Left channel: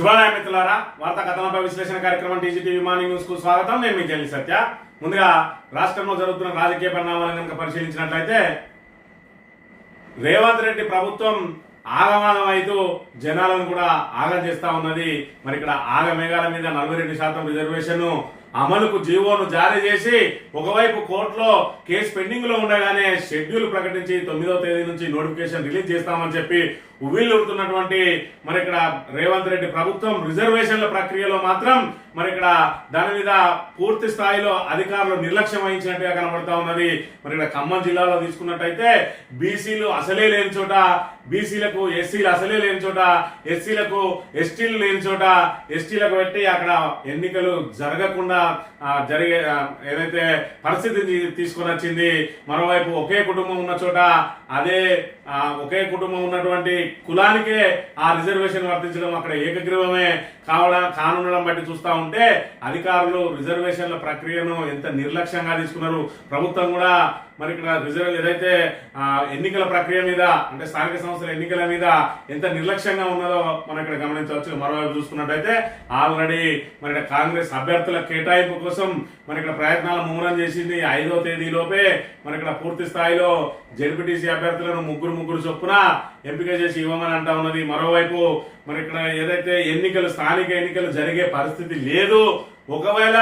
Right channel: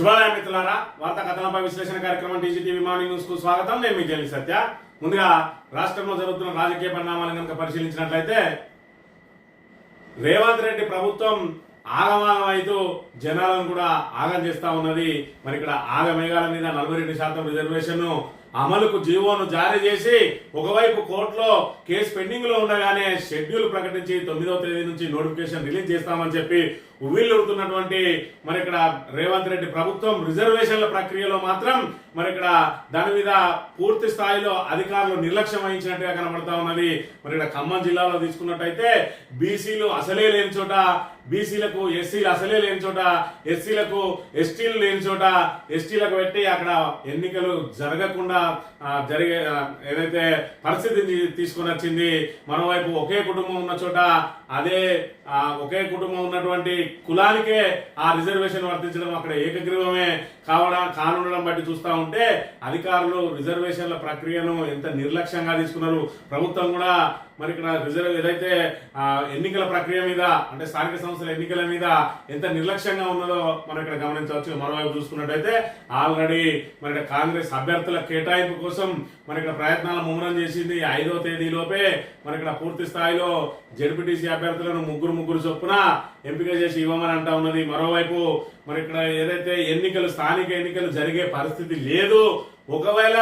శుభోదయం మిత్రులారా, వార్తా కథనంపై విశ్లేషణ కార్యక్రమం టీజీటీవీ మార్నింగ్ న్యూస్ కు స్వాగతం. నేను మీ జల్లి సత్య. ముందుగా రాష్ట్రంలో జరుగుతున్న రాజకీయ పరిణామాలను కనుక పరిశీలించినట్లయితే రేవంత్ రెడ్డి ప్రభుత్వం ఆగమాగం అయితూ జనాలను కూడా ఆగం చేస్తా ఉన్నది. మరి ఇక్కడ ఆగమేఘాల మీద 42% రిజర్వేషన్ అమలుకు జీవోను జారీ చేసి ఒకవైపు కోర్టులో కేసు పెండింగ్ లో ఉండగానే షెడ్యూల్ ప్రకటించి 9వ తేదీ నుంచి నోటిఫికేషన్ రిలీజ్ చేస్తామని చెప్పి ఉవ్విళ్ళూరుతున్నటువంటి మరి ఇక్కడ రేవంత్ రెడ్డి ప్రభుత్వం రిజర్వేషన్ల ప్రక్రియలో మాత్రం మరి ఇక్కడ దాని మీద పూర్తి స్థాయిలో అధికారులు నిర్లక్ష్యం వహించినట్టుగా కనబడతా ఉన్నది. మరి ఇక్కడ ఖమ్మం జిల్లాలో తీసుకున్నట్టయితే బీసీలు అసలే లేని చోట, బీసీలకు ఎస్సీలు అసలే లేని చోట, ఎస్సీలకు ఎస్టీలు లేని చోట ఎస్టీలకు పెట్టి అక్కడ ఎన్నికలు జరగకుండా జరిగే ఏదైతే పరిస్థితిని తీసుకొని వచ్చింది. మరోవైపు ఒకే కుటుంబం ఉన్న చోట అదే ఒకే కుటుంబం ఉన్నటువంటి కులానికే ఆ రిజర్వేషన్ వర్తించడం అక్కడ ఏకగ్రీవమే కానుండడం బట్టి చూస్తా ఉంటే అధికారులు రిజర్వేషన్ల ప్రక్రియను ఎంత నిర్లక్ష్యంగా తీసుకున్నారు. ప్రభుత్వం కూడా మరి ఇక్కడ ఏదైతే ఎన్నికల ప్రక్రియ మీద అంటే స్థానిక సంస్థల ఎన్నికల మీద ఎంత నిర్లక్ష్యంగా ఉన్నదో మనం ఇక్కడ గమనించవచ్చు. మరోవైపు చూసుకున్నట్టయితే ఆల్రెడీ మరి ఇక్కడ కాంగ్రెస్ అభ్యర్థుల కేటాయింపు కోసం మరి ఇక్కడ ప్రయత్నాలు ముమ్మరం చేసింది. 5వ తేదీలోపే మరి ఇక్కడ పూర్తి స్థాయిలో జెడ్పీటీసీ అభ్యర్థులను ముగ్గురు చొప్పున ఎంపిక చేసి ఇవ్వమని అంటా ఉన్నది. మరోవైపు మరి ఇక్కడ ఏదైతే స్థానిక ఎన్నికలు జరిగే పరిస్థితి లేదు. ఒకవేళ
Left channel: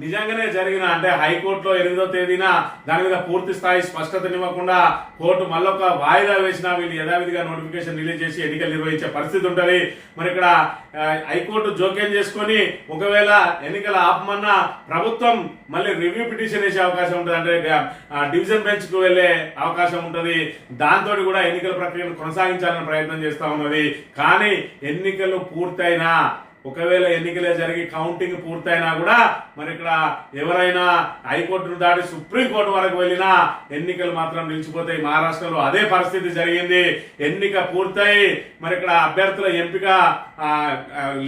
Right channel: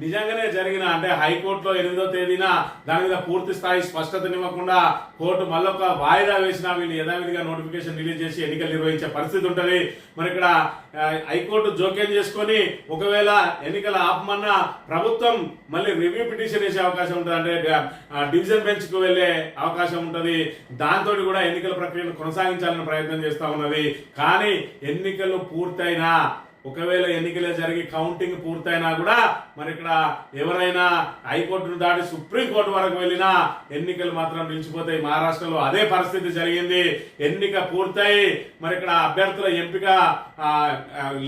నిజంగానే జరిగిన అంటే హైకోర్టులో 8వ తేదీన దాని మీద పూర్తి స్థాయి స్పష్టతనివ్వకుండా కోర్టు మళ్ళొక వాయిదా వేసినా వీళ్ళు యథావిధిగా నోటిఫికేషన్ రిలీజ్ చేసి ఎన్నికలు నిర్వహించే పరిస్థితి ఉంటుంది. మరి ఇక్కడ హైకోర్టు జోక్యం చేసుకొని ఒకవేళ ఎన్నికల ఆపమన్నా ప్రభుత్వం మళ్ళీ రివ్యూ పిటిషన్ వేసే అవకాశం ఉంటుంది, అంటే డివిజన్ బెంచ్ కు వెళ్లే అవకాశం ఉంటుంది. దాంతో కూడా ఎన్నికల ప్రక్రియను కొనసాగించాలని ప్రయత్నం చేస్తా ఉన్నది. కానీ ఎన్నికలు పూర్తయినా ఒకవేళ ఎన్నికలే జరిగి కౌంటింగ్ పూర్తయినా కూడా మరి ఇక్కడ ఎవరైనా హైకోర్టును దాటి సుప్రీంకోర్టు వరకు వెళ్ళినా ఎన్నికలు మాత్రం నిలిచిపోతాయి. మహారాష్ట్రలో అదే పరిస్థితి జరిగింది. ఎన్నిక పూర్తయి మరి ఇక్కడ అభ్యర్థుల ఎంపిక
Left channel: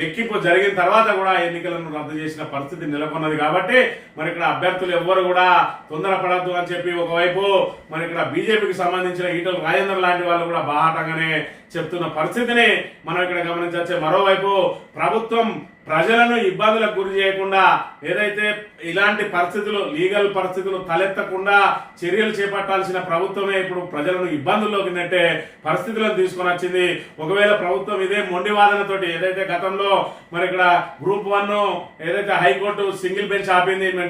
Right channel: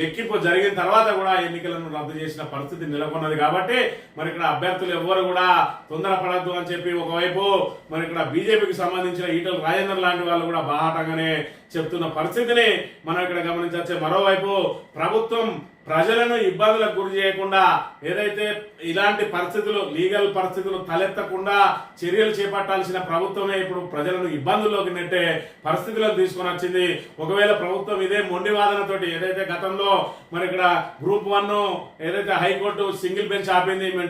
లెక్కింపు జరిగిన తర్వాత కూడా ఎన్నికలను రద్దు చేసిన పరిస్థితి నెలకొన్నది. కాబట్టి మరి ఇక్కడ అభ్యర్థులు ఎవ్వరు కూడా తొందరపడద్దు అని చెప్పి ఒకవైపు మరి ఇక్కడ బీజేపీకి సంబంధించిన ఈటల రాజేందర్ లాంటి వాళ్ళు కూడా బాహాటంగానే చెప్తున్న పరిస్థితిని మనం ఇక్కడ గమనించవచ్చు. మరోవైపు ప్రభుత్వం ప్రజలను ఇబ్బందులకు గురి చేయకుండా ఏదైతే ఇలాంటి పరిస్థితులు లీగల్ పరిస్థితులు తలెత్తకుండా చర్యలు చేపట్టాల్సిన ప్రభుత్వమే ఇప్పుడు ప్రజలను ఇబ్బందుల్లోకి నెట్టే పరిస్థితులను తీసుకొని వచ్చింది. ఒకవేళ ప్రభుత్వం ఇదే మొండి వాదనతోటి ఏదైతే గతంలో మరి ఇక్కడ గ్రూప్ 1 ఏదైతే హైకోర్టు సింగిల్ బెంచ్ ఆపింది, మేము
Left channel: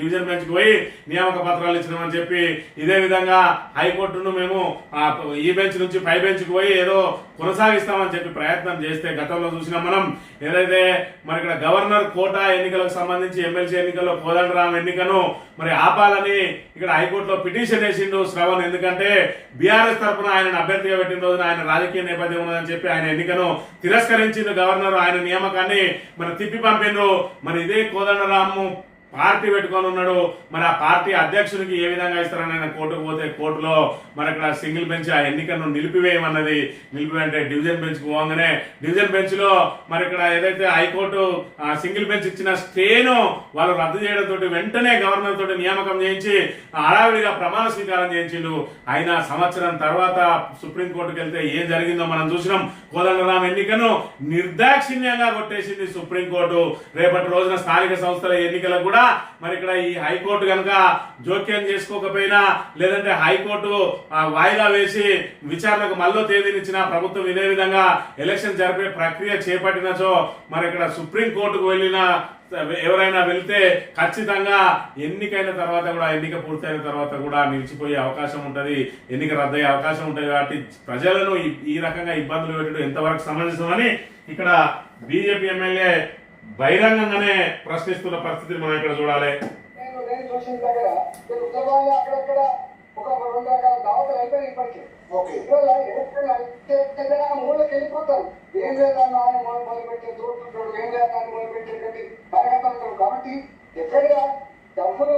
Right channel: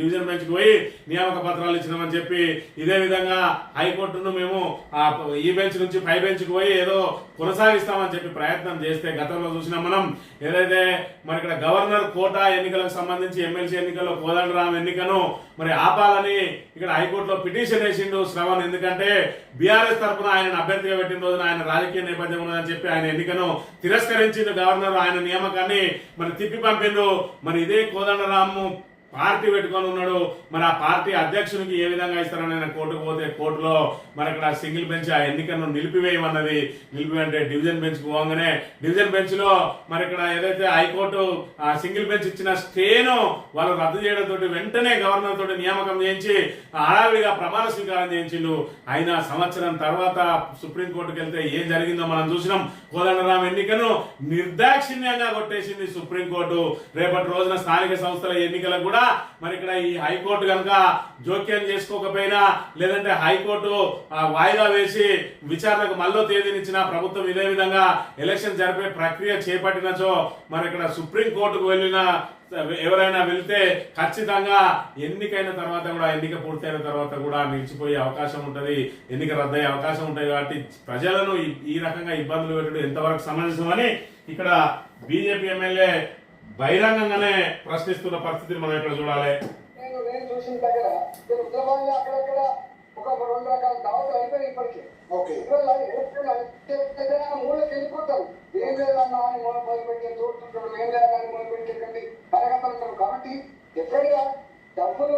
డివిజన్ బెంచ్ కు పోయి నియామక పత్రాలు ఇచ్చినామని చెప్పి ఇదే విధంగా హైకోర్టును మేము ఈ బెంచ్ నుంచి పై బెంచ్ కు పోయి ఏదో కొనసాగిస్తామని చెప్పి ప్రయత్నం చేస్తే గతంలో చూసినాం మనం. ఏదైతే మరి ఇక్కడ గవర్నర్ కోటా ఎన్నికలకు సంబంధించి ఎమ్మెల్సీ ఎన్నికల్లో కోదండరాం ఎన్నికను మరి ఆపాలని ఇక్కడ హైకోర్టులో పిటిషన్ వేసిండు శ్రవణ్. ఎందుకంటే బీఆర్ఎస్ తరఫున ఆయన అభ్యర్థిగా పెట్టిన రోజున ఆయన రాజకీయ నేపథ్యం ఉన్నదని చెప్పి ఆయన ఎన్నికను తిరస్కరించింది గవర్నర్. ఆయన నియామకాన్ని మరి తిప్పి పంపిండు. మరి ఇదే కోదండరాము పార్టీ పెట్టుకొని ఉన్నాడు. మరి ఆ పార్టీ అధ్యక్షునికి ఏ విధంగా ఇస్తారని ఆయన కోర్టుకు పోతే కోర్టులో మరి అక్కడ సింగిల్ బెంచ్ ఆ ఎన్నికను నిలిపివేయమన్నది. నిలిపివేయంటే డివిజన్ బెంచ్ కు పోగానే డివిజన్ బెంచ్ లో మరి ఇక్కడ ఏదైతే హైకోర్టు సింగిల్ బెంచ్ ఇచ్చిన స్టేను వాళ్ళు రద్దు చేయడంతో వెంటనే గవర్నర్ తోటి నియామకం చేయించి హడావిడిగా ప్రమాణ స్వీకారం చేయించిండు. అయినా సంవత్సరం తర్వాత సుప్రీంకోర్టుకు వెళ్తే ఏం జరిగిందో మనం చూసినాం. కోదండరాం ఎన్నికను నిర్దాక్షిణ్యంగా కొట్టేసింది సుప్రీంకోర్టు. రేపటి రోజున స్థానిక సంస్థల ఎన్నికలకు కూడా మరి ఇక్కడ ఈ హైకోర్టు కనుక జోక్యం చేసుకోకపోయినా లేదంటే హైకోర్టు వాయిదా వేసి విచారణకు మళ్ళీ తేదీనిచ్చిన ప్రభుత్వం ఇదే విధంగా ఎలక్షన్ జరిపే ప్రక్రియ చేపట్టినచో మరి ఇక్కడ సుప్రీంకోర్టుకు వెళ్ళిన ఎవరైనా వెళ్తే ఖచ్చితంగా ఎన్నికైన తర్వాత కూడా ఎన్నిక పూర్తయిన తర్వాత కూడా నిలిచిపోయే అవకాశం ఉంటుంది, ఎన్నిక రద్దయ్యే అవకాశం ఉంటుంది. కాబట్టి ప్రజలను ఈ రకంగా ఇబ్బందులు పెట్టడం ఎంతవరకు సమంజసమని ఇక్కడ బీజేపీ ఎమ్మెల్యే బహిరంగంగానే ప్రశ్నిస్తున్న పరిస్థితిని మనం ఇక్కడ చూడాలి. కాబట్టి ఎక్కడ డబ్బులు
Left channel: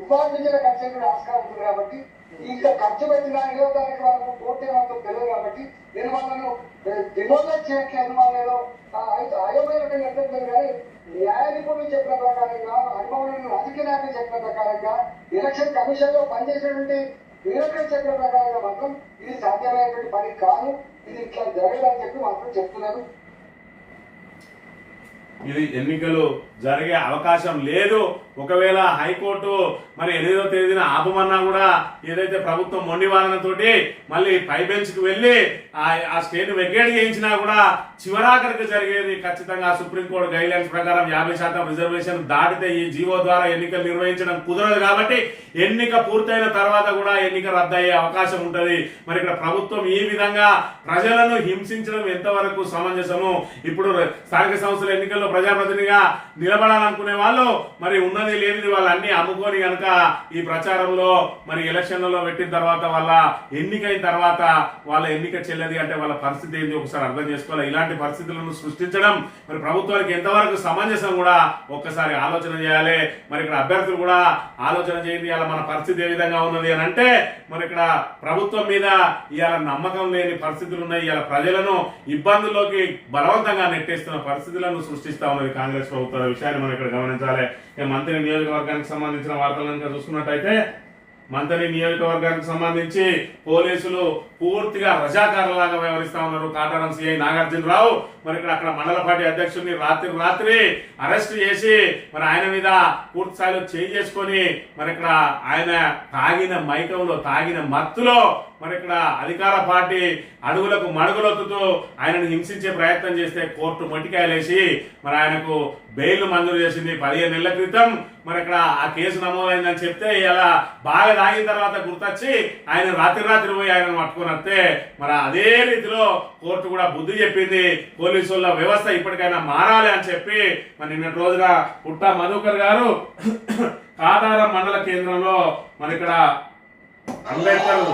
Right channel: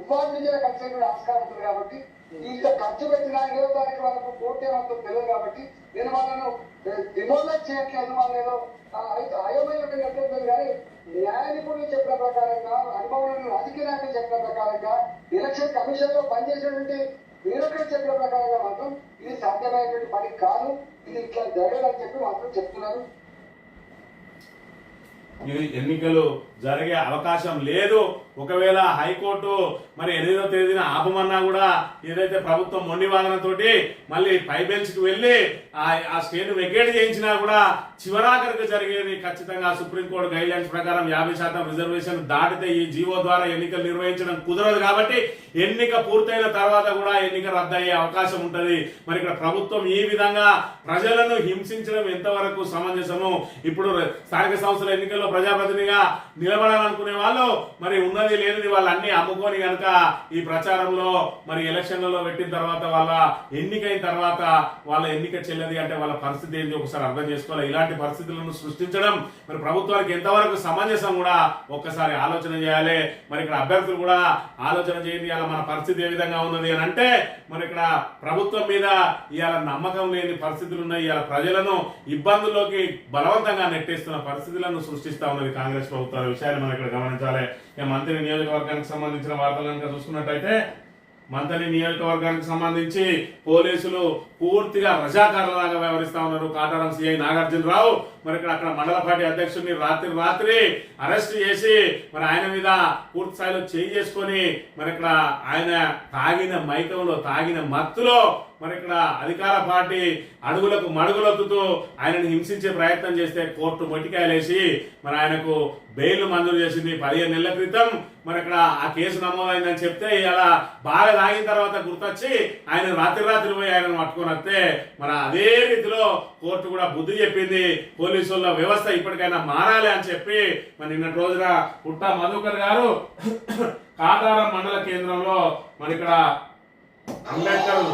ఇవ్వాల్సిన ఖర్చు కూడా ఆస్కారం ఉంటుంది. కాబట్టి ఇంకా ఖర్చు పెట్టిన 20వ తారీఖు వరకు కోర్టు ఏమంతో తెలియదు. కాబట్టి నేను వాళ్ళను డిమోలేట్ చేయట్లేదు, వాళ్ళు ఏదో అయోమయం ఎట్లేదు. కానీ న్యాయ నిపుణులు చెప్పిన ప్రకారంగా, అనుభవం రాజకీయ నాయకులు చెప్పిన ప్రకారంగా, ఎలక్షన్ కమిషన్ లో పనిచేసేటువంటి బ్యూరోక్రట్స్ చెప్పిన ప్రకారంగా మాత్రం ఇది సాధ్యమైనటువంటి పని కాదు. ఇది ఇట్లా జరగదని చెప్పి మాత్రం చెప్తున్నారు. ఇది ఎన్నికలు జరిగే అవకాశం లేదు. ఒకవేళ హైకోర్టు మరి 8వ తేదీన ఆపమన్నా కూడా ఏదైతే ప్రభుత్వం మొండి వాదనతోటి మళ్ళీ పై బెంచ్ కు వెళ్లి ఆ స్టేను వెకేట్ చేయించినా కూడా చివరాఖరికి జరిగేది ఖచ్చితంగా సుప్రీంకోర్టు గైడ్ లైన్స్ ప్రకారం 50% రిజర్వేషన్ దాటితే ఈ జీవో ద్వారా ఎన్నికలు నిర్వహించడం కుదరదు. కాబట్టి ఎన్నిక పూర్తయిన తర్వాత కూడా ఎన్నిక రద్దయ్యే అవకాశం ఉంటది. మరి ఇక్కడ ప్రభుత్వం ఈ విధంగా ప్రజలను హింసించడం ఎంతవరకు సమంజసము? ఇప్పుడు స్థానిక సంస్థల ఎన్నికల్లో ప్రజాప్రతినిధిగా నిలబడాలనుకునే వాళ్ళు మరి ఉన్నది లేనిది వాళ్ళు అన్ని అమ్ముకొని కనుక ఈ ప్రచారంలో మరి ఎలక్షన్లలో పెట్టిన తర్వాత వాళ్ళ ఎన్నికైన తర్వాత వాళ్ళ ఎన్నిక చెల్లది అంటే వాళ్ళ పరిస్థితి ఏంటి ఒకసారి అర్థం చేసుకోవాలి. ఇలాంటి పరిస్థితులను సృష్టించడం మరి ప్రభుత్వానికి ఎంతవరకు సమంజసం కూడా ఒక్కసారి ఆలోచన చేయాలి. మరి ఇక్కడ అభ్యర్థులు కూడా ఆలోచన చేయండి. ఇవాళ మన పరిస్థితి ఏ విధంగా ఉన్నది అని అంటే మరి ఇక్కడ ప్రభుత్వం మీద ఇవాళ నమ్మకం లేని పరిస్థితులు ఉన్నాయి. ఇవాళ ప్రజలను ఇబ్బందుల్లోకి బలవంతంగా నెట్టేస్తున్న పరిస్థితులను సృష్టిస్తా ఉన్నది కాంగ్రెస్ ప్రభుత్వ విషయాన్ని మనం ఇక్కడ గమనించాలి. మంత్రి నియోజకవర్గానికి సంబంధించిన వార్తలు కనుక చూసుకున్నట్టయితే మంత్రి నియోజకవర్గానికి సంబంధించి పోలీసులు పూర్తిగా రజాకారులాగా వ్యవహరిస్తా ఉన్నారు. కాటారం సిఐ నాగార్జునరావు మరి ఇక్కడ అక్కడ మండల పార్టీ అధ్యక్షుడిని రాత్రి అరెస్ట్ చేసి మరి ఆయన మీద పూర్తి స్థాయిలో చేసుకొని మరి ఇక్కడ ఆయన తాగిన మైకంలో తాగిన మత్తులో మరి ఇక్కడ అధికార పార్టీ అడుగులకు మడుగులొక్కుతూ ఆయనను హింసించే ప్రయత్నం చేస్తే కోర్టు మొట్టికాయలేసి మరి ఆయనకు బెయిల్ మంజూరు చేసింది 15 నెలల క్రితం. మరి ఇక్కడ ఆ కేసు నమోదైందని చెప్తే ఇలా బాగా తాగిన తర్వాత గుర్తొచ్చి ఆయన రాత్రి పోయి ఆయనను పట్టుకొని వస్తే మరి అదే రీతిలో కోర్టు కూడా బుద్ధి చెప్పింది. పోలీసుల వ్యవస్థ ఇప్పటికైనా మారాలి అని చెప్పి మరి నిన్నటి రోజున పుట్టా మధుకర్ గారు కాటారం మండల కేంద్రంలో మరి ఇక్కడ అంబేద్కర్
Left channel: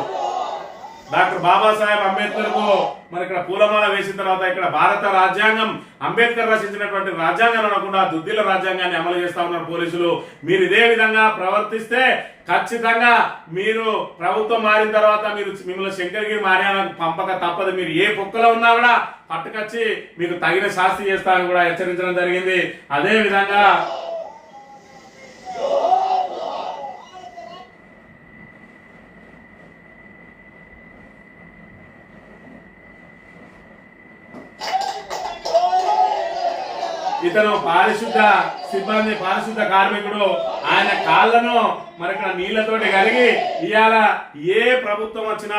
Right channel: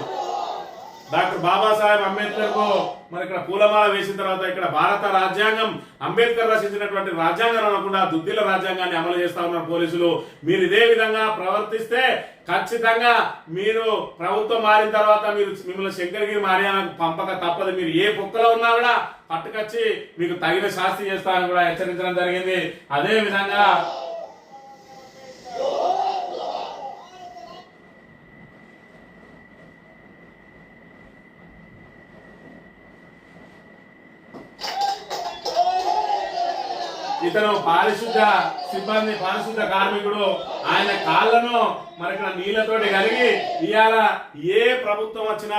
డాక్టర్ బాబాసాహెబ్ అంబేద్కర్ కు మరి ఇక్కడ పూలమాల వేసిన తర్వాత ఇక్కడ భారత రాజ్యాంగం అంబేద్కర్ రచించినటువంటి రాజ్యాంగం అనకుండా దుద్దిల రాజ్యాంగాన్ని అమలు చేస్తా ఉన్నారు పోలీసులు. మీరు ఇదే విధంగా ప్రవర్తిస్తే ఖచ్చితంగా మీరు ప్రభుత్వం మారిన తర్వాత మిమ్మల్ని శంకరగిరి మారియానికి పంపక తప్పదు. మీరు ఏ పొక్కలో ఉన్నా కూడా పట్టుకొచ్చి మీకు తగిన శాస్తి చేస్తామని కూడా హెచ్చరించడం జరిగింది. అదే విధంగా ఇతను పారిశుద్ధ సిబ్బంది పారిశుద్ధ కార్మికుడు. ఆయన కాళ్ళను మరి ఇక్కడ నీళ్లతోటి కలిగి ఇవాళ ఏ ప్రభుత్వం వచ్చినా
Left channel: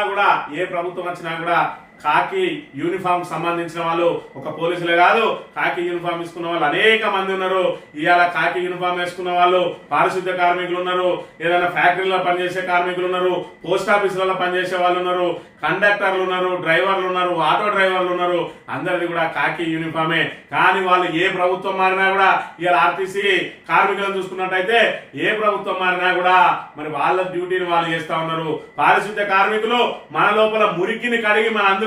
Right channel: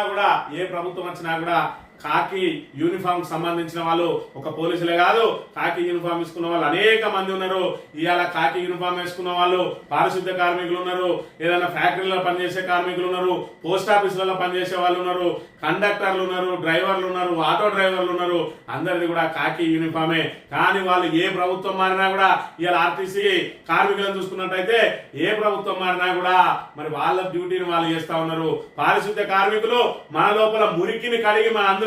కూడా కాకి యూనిఫామ్ సంబంధించిన వాళ్ళు ఒక పోలీసులే కాదు, కాకి యూనిఫామ్ వేసుకున్న వాళ్ళు అనేక మంది ఉన్నారు. ఇవాళ కాకి యూనిఫామ్ వేసుకున్న వాళ్ళు పారిశుద్ధ్య కార్మికులు ఉన్నారు, ఏదైనా ఫ్యాక్టరీలో పనిచేసే కార్మికులు ఉన్నారు, పోస్ట్ ఆఫీసులలో పనిచేసే వాళ్ళు ఉన్నారు, కండక్టర్లు ఉన్నారు, డ్రైవర్లు ఉన్నారు, ఆటో డ్రైవర్లు ఉన్నారు. అందరిది కూడా కాకి యూనిఫామే. కానీ వాళ్ళు ఏ ప్రభుత్వం మారినా కూడా ఇవాళ ఆర్టీసీ కార్మికులను చూసుకున్నట్టయితే ఏ ప్రభుత్వం మారినా కూడా మరి వాళ్ళ డ్యూటీని వాళ్ళు చేస్తా ఉన్నారు. పారిశుద్ధ్య కార్మికులు మన లోపల మురికిని కడిగి మనందరం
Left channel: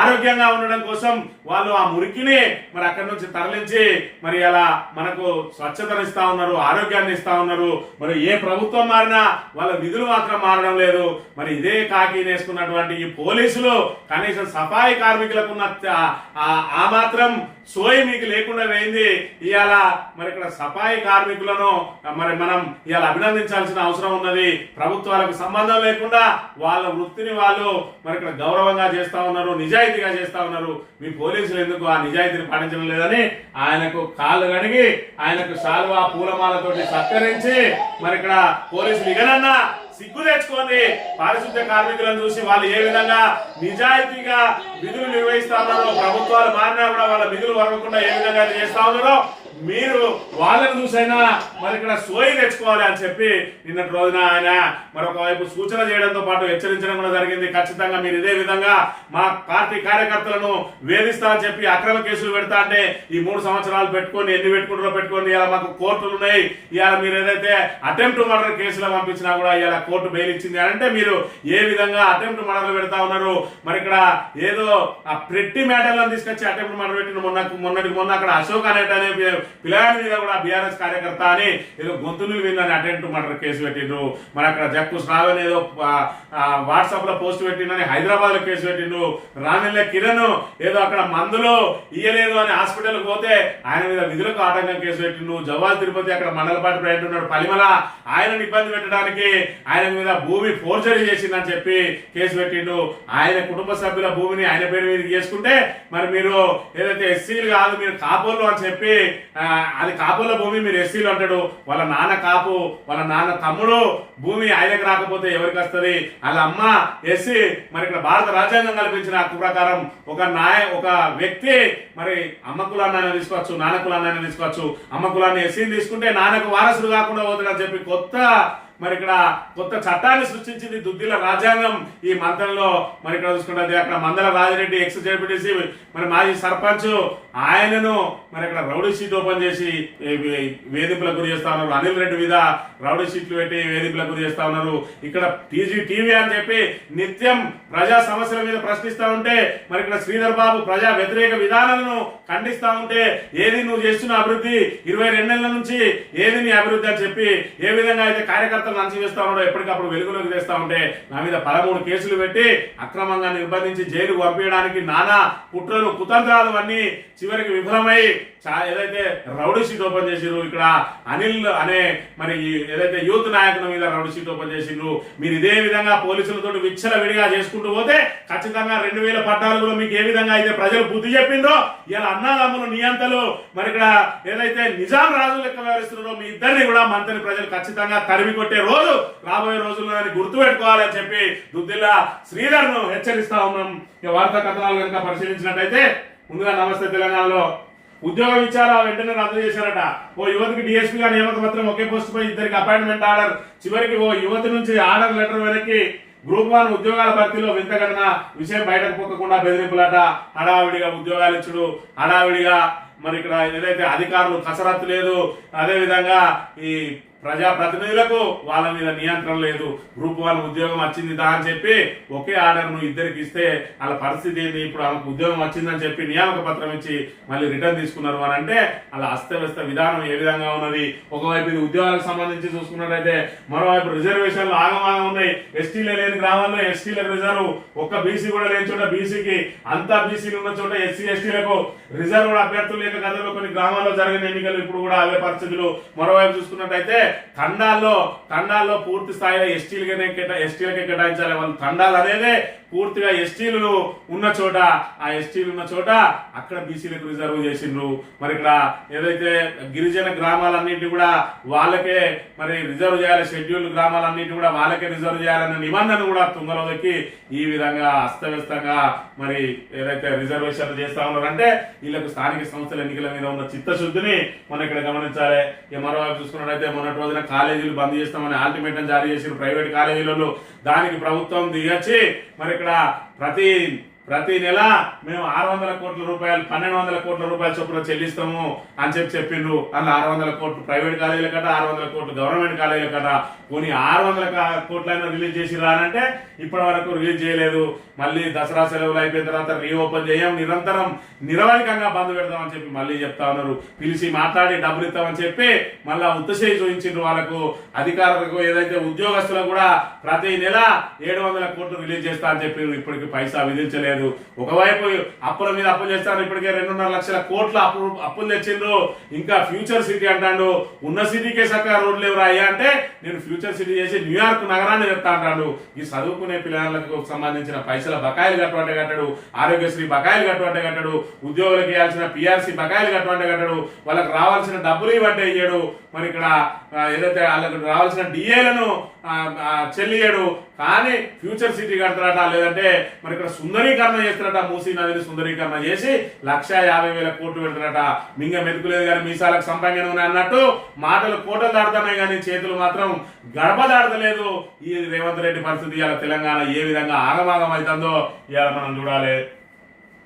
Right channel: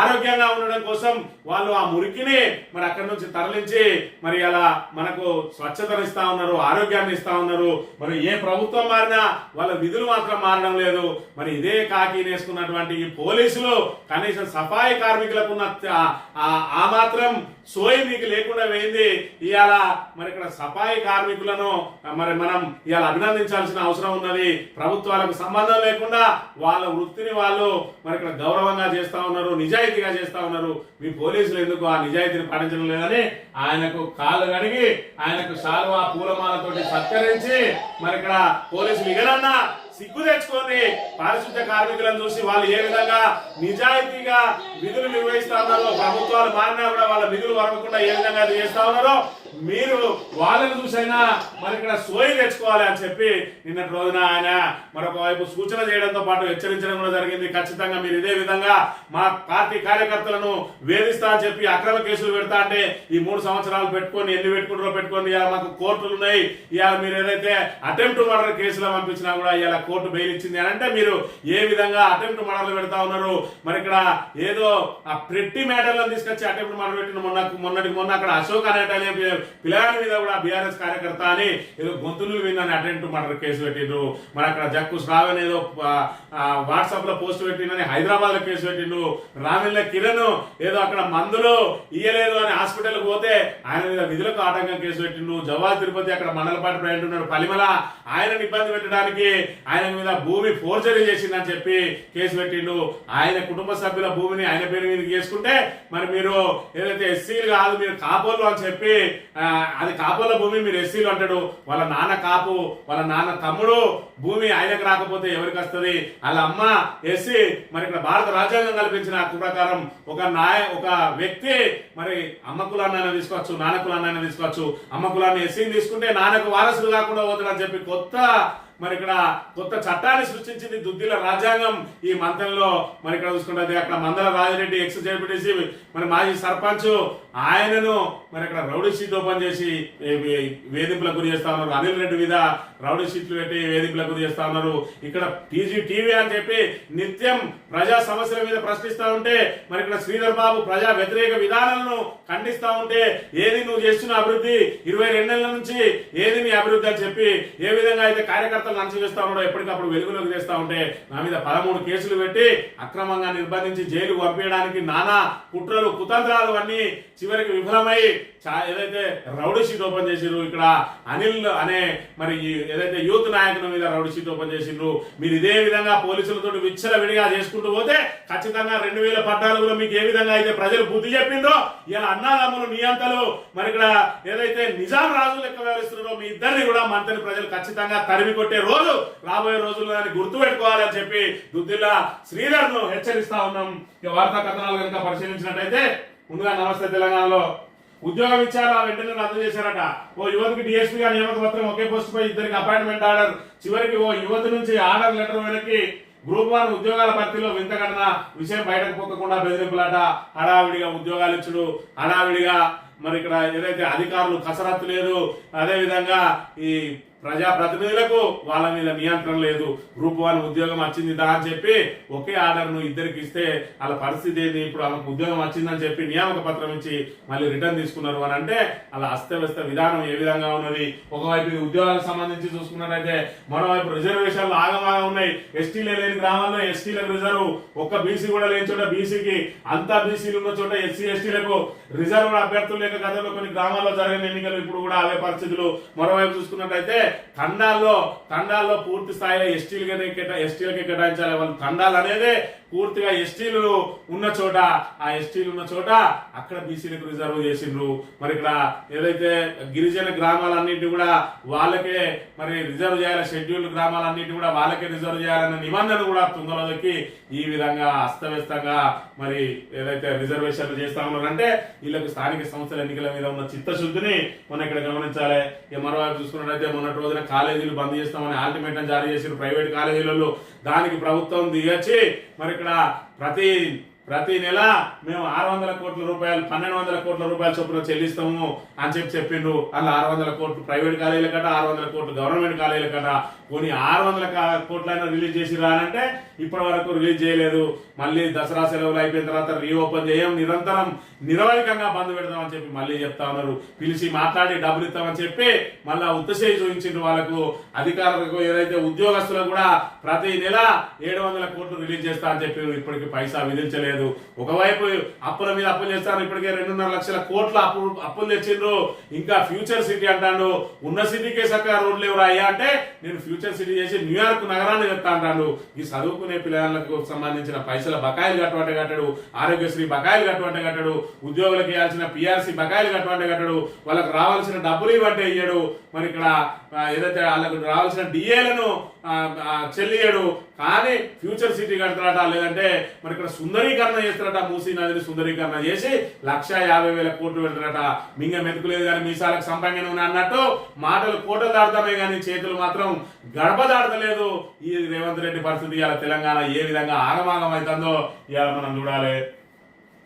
ఆరోగ్యంగా ఉండడం కోసం వాళ్ళు ఆ మురికిని మరి అక్కడి నుంచి తరలించి మరి అలా మనకు స్వచ్ఛతను ఇస్తా ఉన్నారు, ఆరోగ్యాన్ని ఇస్తా ఉన్నారు. మరి ఏ ప్రభుత్వం మారినా వాళ్ళ విధులు మాత్రం మారడం లేదు. మరి ఇదే కాకి వేసుకున్నటువంటి ఈ పోలీసులు కనీసం సఫాయి కార్మికులకు ఉన్న ఆ మాత్రం సోయి మీకు లేకుండా పోయింది. ఇవాళ మరి ఇక్కడ సఫాయి కార్మికులను మరి మనం ఇవాళ అభినందించాల్సిన అవసరం ఉన్నది. ప్రభుత్వాలకు సంబంధం లేకుండా వాళ్ళ వృత్తిని వాళ్ళు మరి ఇక్కడ గౌరవంగా చేస్తా ఉన్నారు, నిజాయితీగా చేస్తా ఉన్నారు. మీ పోలీసులు ఎందుకు ఆ నిజాయితీని పాటించడం లేదని ఆయనకు కాళ్ళు కడిగి ఆయనకు శాలువా పూలమాలతోటి సత్కరించి మరి ఇక్కడ పోలీసులు ఇగనన్నా సిగ్గు తెచ్చుకొని పారిశుద్ధ్య కార్మికులను చూసి వాళ్ళు ఏ విధంగా నిజాయితీగా విధులు నిర్వహిస్తా ఉన్నారో, ప్రభుత్వాలు మారినా కూడా వాళ్ళ విధులు వరవకుండా ఏ విధంగా చేస్తా ఉన్నారో మీరు వాళ్ళని చూసైనా మరి ఇక్కడ సోయి తెచ్చుకోవాలి అని చెప్పి నిన్నటి రోజున ఆయన మరొక వైపు సూచన చేయడంతో పాటు హెచ్చరించడం కూడా జరిగింది. ఖచ్చితంగా మీరు ఇదే విధంగా మా పార్టీ కార్యకర్తలను వేధిస్తా అని చెప్పి అక్రమ కేసులు పెడతా అంటే ఈ 3 సంవత్సరాలు పెట్టుకొని ఎన్ని పెట్టుకుంటారో పెట్టుకోండి. ఇలా మాకు కోర్టులు ఉన్నాయి. ఇవాళ మీరు ఏదైతే అటెంప్ట్ మర్డర్ కేసులో పంపించినా కూడా ఇవాళ కోర్టు బెయిల్ ఇచ్చింది అంటే మీరు ఏ విధంగా అటెంప్ట్ మర్డర్లు పెడతా ఉన్నారు. మరి ఇక్కడ ఏదో ఆ ప్రెట్టి మ్యాటర్లను తీసుకొచ్చి అటెంప్ట్ మర్డర్ పెట్టిన మొన్న అక్కడ అశోక్ అనే పిల్లగాడి మీద కూడా బీఆర్ఎస్ కార్యకర్త అని ఏదో గొంతులు విందని అటెంప్ట్ మర్డర్ కేసు పెట్టిండ్రు. మరి అక్కడ జక్కు శ్రావణ్ ఏదో వాట్సాప్ లో పోస్ట్ పెట్టిందని హైదరాబాద్ లో కేసు పెట్టిండ్రు. రామిల్ల కిరణ్ ఏదో అక్కడ మందులు ఇయ్యలేదు అని హాస్పిటల్ పోతే ఆయన మీద విధులకు ఆటంకం కేసు పెట్టిండ్రు. జవాల్ తిరుపతి అక్కడ మండలపాటి ప్రయాణం ఉన్నాడు పలిమల ఆయనను ఇబ్బంది పెట్టడానికి ఆయన ఆయన మీద భూమి ఫోర్జరీ చేసిందని చెప్పి కేసు పెట్టిండు. ఆయన కుటుంబ సభ్యుల భూమిని ఆయన పేరు మీద చేసుకుంటే మరి మీరు ఏదైతే ఎస్సీలు కాదు మీరు కాపోళ్ళు అని చెప్పి అది కాపోళ్ళ భూమి మీరు ఎస్సీలు అంటాడు. వాళ్ళ నాన్న కాపు, వాళ్ళ నాన్న తమ్ముడు భూమి ఆయనకు రాకపోతే ఎవరికి వస్తుంది? వాళ్ళ అమ్మ ఎస్సీ. మరి ఇక్కడ భారత రాజ్యాంగం కల్పించిన హక్కు ప్రకారం ఒక వ్యక్తి మరి అమ్మ కులాన్ని తీసుకోవచ్చు, నాన్న కులాన్ని తీసుకోవచ్చు. అమ్మ కులాన్ని ఎస్సీని తీసుకుంటే నాన్నకు వారసుడు కాకుండా పోతాడని చెప్పి మరి ఇక్కడ కొత్త చట్టాన్ని సృష్టించింది దుద్దిల రాజ్యాంగం ఈ మంత్రంలో. మరి ఇక్కడ చూసుకుంటే అక్కడ మందల రాజిరెడ్డి ఎక్స్ జెడ్పీటీసీ మరి మాజీ సర్పంచ్ ఆయనను మరి ఇక్కడ రౌడీ షీట్ ఓపెన్ చేసి వేధింపులకు గురి చేస్తా ఉన్నారు. అనిల్ రెడ్డి మీద రౌడీ షీట్లు పెట్టి వేధింపులకు గురి చేస్తా ఉన్నారు. ఇక్కడ టీవీ అని చెప్పి నిత్యం ప్రజా సమస్యల మీద ప్రశ్నిస్తా ఉంటే మరి ఇక్కడ శ్రీధర్ బాబు ప్రజా వ్యతిరేక విధానాలను ఖండిస్తా ఉంటే ఏది నువ్వు చేస్తున్న అభివృద్ధి 22 నెలల నుంచి ఏది నీ అభివృద్ధి అని చెప్పి ఏ విధంగా అయితే కార్యకర్తలు అంచవేస్తా ఉన్నాడో ఎప్పటికప్పుడు వెలుగులోకి తెస్తా ఉంటే నా మీద 13 కేసులు పెట్టి అక్రమంగా నిర్బంధించి జైలుకు పంపించడానికి నానా కుట్రలు కుతంత్రాలు అన్ని చివరికి విఫలమై ఏదైతే రౌడీ షీట్ ఓపెన్ చేసిర్రు. ఇక్కడ అనిల్ అనే మరి ఏదైతే యూత్ నాయకుల మీద రౌడీ షీట్ ఓపెన్ చేసిండ్రు. మీరు ఇదే విధంగా పోలీసులతో విచ్చల విడిగా చేసుకుంటూ పోతే ఖచ్చితంగా 2014లో మీకు ఏ విధంగా అయితే ప్రజలు బుద్ధి చెప్పిందో ఇలా అన్నదమ్ములు నియంతలు మరి ఇక్కడ ఏదైతే నిజాం రాజులు లెక్క వ్యవహరిస్తున్నారో మీ ఇద్దరిని కూడా మంత్రిని ప్రజలు ఖచ్చితంగా తరిమి కొట్టే రోజు రాబోయే రోజుల్లో దాన్ని గుర్తుపెట్టుకోవాలని చెప్పి దుద్దిల్లా శ్రీధర్ ను హెచ్చరిస్తా ఉన్నాం. ఇక వార్తా కథనాలు కనుక పరిశీలించినట్టయితే ముందుగా నమస్తే తెలంగాణలో ఉద్యోగం ఇచ్చారా వెంటనే రద్దు చేశారట. ఓ యువతికి డిఎస్పీగా నియామక పత్రం ఒకే పోస్ట్ పై ఇద్దరికి అపాయింట్మెంట్ ఆర్డర్. చివరికి ఓ యువతి నుంచి ఆర్డర్ లెటర్ వెనక్కి. గ్రూప్ 1 ఉద్యోగాల భర్తీలో వింతఘటన. విషయం బయటకు పోకుండా బెదిరింపులాట. హడావిడిగా ఉద్యోగాలు ఇచ్చుడు, హడావిడిగా మరి ఇక్కడ ఏదైతే అధికారులు కసరత్తు లేదు, అదే విధంగా ఈ ప్రజాప్రతినిధులకు వాళ్ళ మీద నియంత్రణ లేదు. గ్రూప్ 1 ఉద్యోగం వచ్చింది దా అని చెప్పి ఒకే ఆర్డర్ ను ఇద్దరికి ఇస్తే వాళ్ళ పరిస్థితి ఏంది? ఇప్పుడు ఆమెకు ఉద్యోగం వచ్చిందని చెప్పి నియామక పత్రం ఇచ్చి మళ్ళీ రిటర్న్ తీసుకున్నారు అని అంటే అలా అస్తవ్యస్త విధానం ఏ విధంగా ఉన్నది. ఒకవైపు ఇది ఉద్యోగాలకు సంబంధించి చూసుకున్నట్టయితే మరోవైపు రిజర్వేషన్లు ఆగమాగా ఉన్నాయి. ఎస్టీలే లేని గ్రామాల్లో ఎస్టీలకు రిజర్వ్, ఒక్క బీసీ కూడా లేని చోట బీసీకి, అంతా బీసీలు ఉన్న చోట ఎస్సీ ఎస్టీలకు రిజర్వ్ అభ్యర్థులు లేక గతంలో కొన్ని గ్రామాల్లో జరిగిన ఎన్నికలు ఇప్పుడు కూడా అవే పరిస్థితులు. మరోవైపు చూసుకున్నట్టయితే తండాల్లో పూర్తి స్థాయిలో ఎస్టీలకే కేటాయించాలి. వాళ్ళు తండాలు అనేదే పూర్తిగా ఎస్టీలు ఉన్న చోట అక్కడ బీసీలకు రిజర్వ్ చేసిండ్రు. మరి ఇక్కడ ఏదైతే గిరిజన గ్రామాలన్నింటి కూడా వాళ్ళకే మరి రిజర్వ్ చేయాలి, షెడ్యూల్డ్ గ్రామాలన్నింటి కూడా వాళ్ళకే రిజర్వ్ చేయాలన్న నిబంధన కూడా తుంగలో దొక్కి ఈ విధంగా అస్తవ్యస్తంగా మరి ఏదైతే రిజర్వేషన్లు చేస్తా ఉన్నారంటే వీళ్ళకు స్థానిక సంస్థల ఎన్నికల మీద ఉన్న చిత్తశుద్ధిని మనం ఇక్కడ గమనించాలి. మరోవైపు చూసుకున్నట్టయితే మొన్నటి రోజున కాలేజీలు బంద్ చేస్తామని అల్టిమేటం జారీ చేసిన ప్రైవేట్ కాలేజీలలో దానికి ప్రభుత్వం దిగచ్చి మరి ఇక్కడ ప్రతి నెల మేము 600 కోట్ల రూపాయలు 1200 కోట్ల రూపాయల చొప్పున చెల్లిస్తాము అని చెప్పిండ్రు. అలా 600 కోట్లు ప్రైవేట్ కాలేజీల కట, 600 కోట్లు గవర్నమెంట్ కాలేజీల కట. కొన్ని 600 కోట్లైనా రిలీజ్ చేసి రానంటే ఇప్పటి వరకు రిలీజ్ చేయలేదు. మళ్ళీ దసరా సెలవులు అయిపోయిన తర్వాత రీఓపెన్ చేయం, నిరంతరం నిరవధికంగా బంద్ పెడతామని చెప్పి మళ్ళీ చెప్తా ఉన్నారు. పిలిచి మాట్లాడి డబ్బులు ఇస్తామని చెప్పి మళ్ళా ఉత్తసేయి చూపించిండ్రు. వాళ్ళకు అధికారులకు ఏదైతే ఉద్యోగస్తులకు కూడా ప్రతి నెల 700 కోట్లు రిలీజ్ చేస్తా అని చెప్పి ఇప్పటికి పైసా విధించలేదు. ఒకవైపు అప్పుల మీద అప్పులు చేస్తారు. ఇప్పటికే 2.5 లక్షల కోట్ల అప్పులు తెచ్చిండ్రు. ఇంకా ఫ్యూచర్ సిటీ అంటాడు. ఉన్న సిటీకే చక్కగా రోడ్లు ఎవరు అయ్యా అంటే నేను ఫ్యూచర్ సిటీ చేసి న్యూయార్క్ నగరాన్ని చెప్తా అంటాడు. ఈ చదువుకునే పిల్లలకు సంబంధించిన పైసల బకాయిలు కట్టువంటే కట్టడు, ఆరోగ్యశ్రీ బకాయిలు కట్టువంటే కట్టడు, ఉద్యోగులకు ఇవ్వాల్సిన పిఆర్సీ బకాయిలు కట్టువంటే కట్టడు, వాళ్ళకి రావాల్సిన డబ్బులు ఇవ్వంటే ఇయ్యడు. మరి ఇక్కడ ఏదైతే వాళ్ళకు రావాల్సిన డిఏలను చెల్లియడు. కానీ ఫ్యూచర్ సిటీ కడతారట, లేదంటే మరి ఇక్కడ సుందరీకరణ చేస్తారట. మూసీ నదిని సుందరీకరణ చేసి 1,50,000 కోట్లు పెడతారట. మింగ మెతుకులేదు కానీ మీసాలకు సంపంగన అన్నట్టు మాటలు కోటలు దాడుతున్నాయి కానీ చేతులు మాత్రం గడప దాడతలేదు. ఈ రేవంత్ రెడ్డి పరిస్థితి ఇవాళ తెలంగాణ ఏ విధంగా ఆగమాగం అవుతుందో ఇవాళ మనం చూడాలి.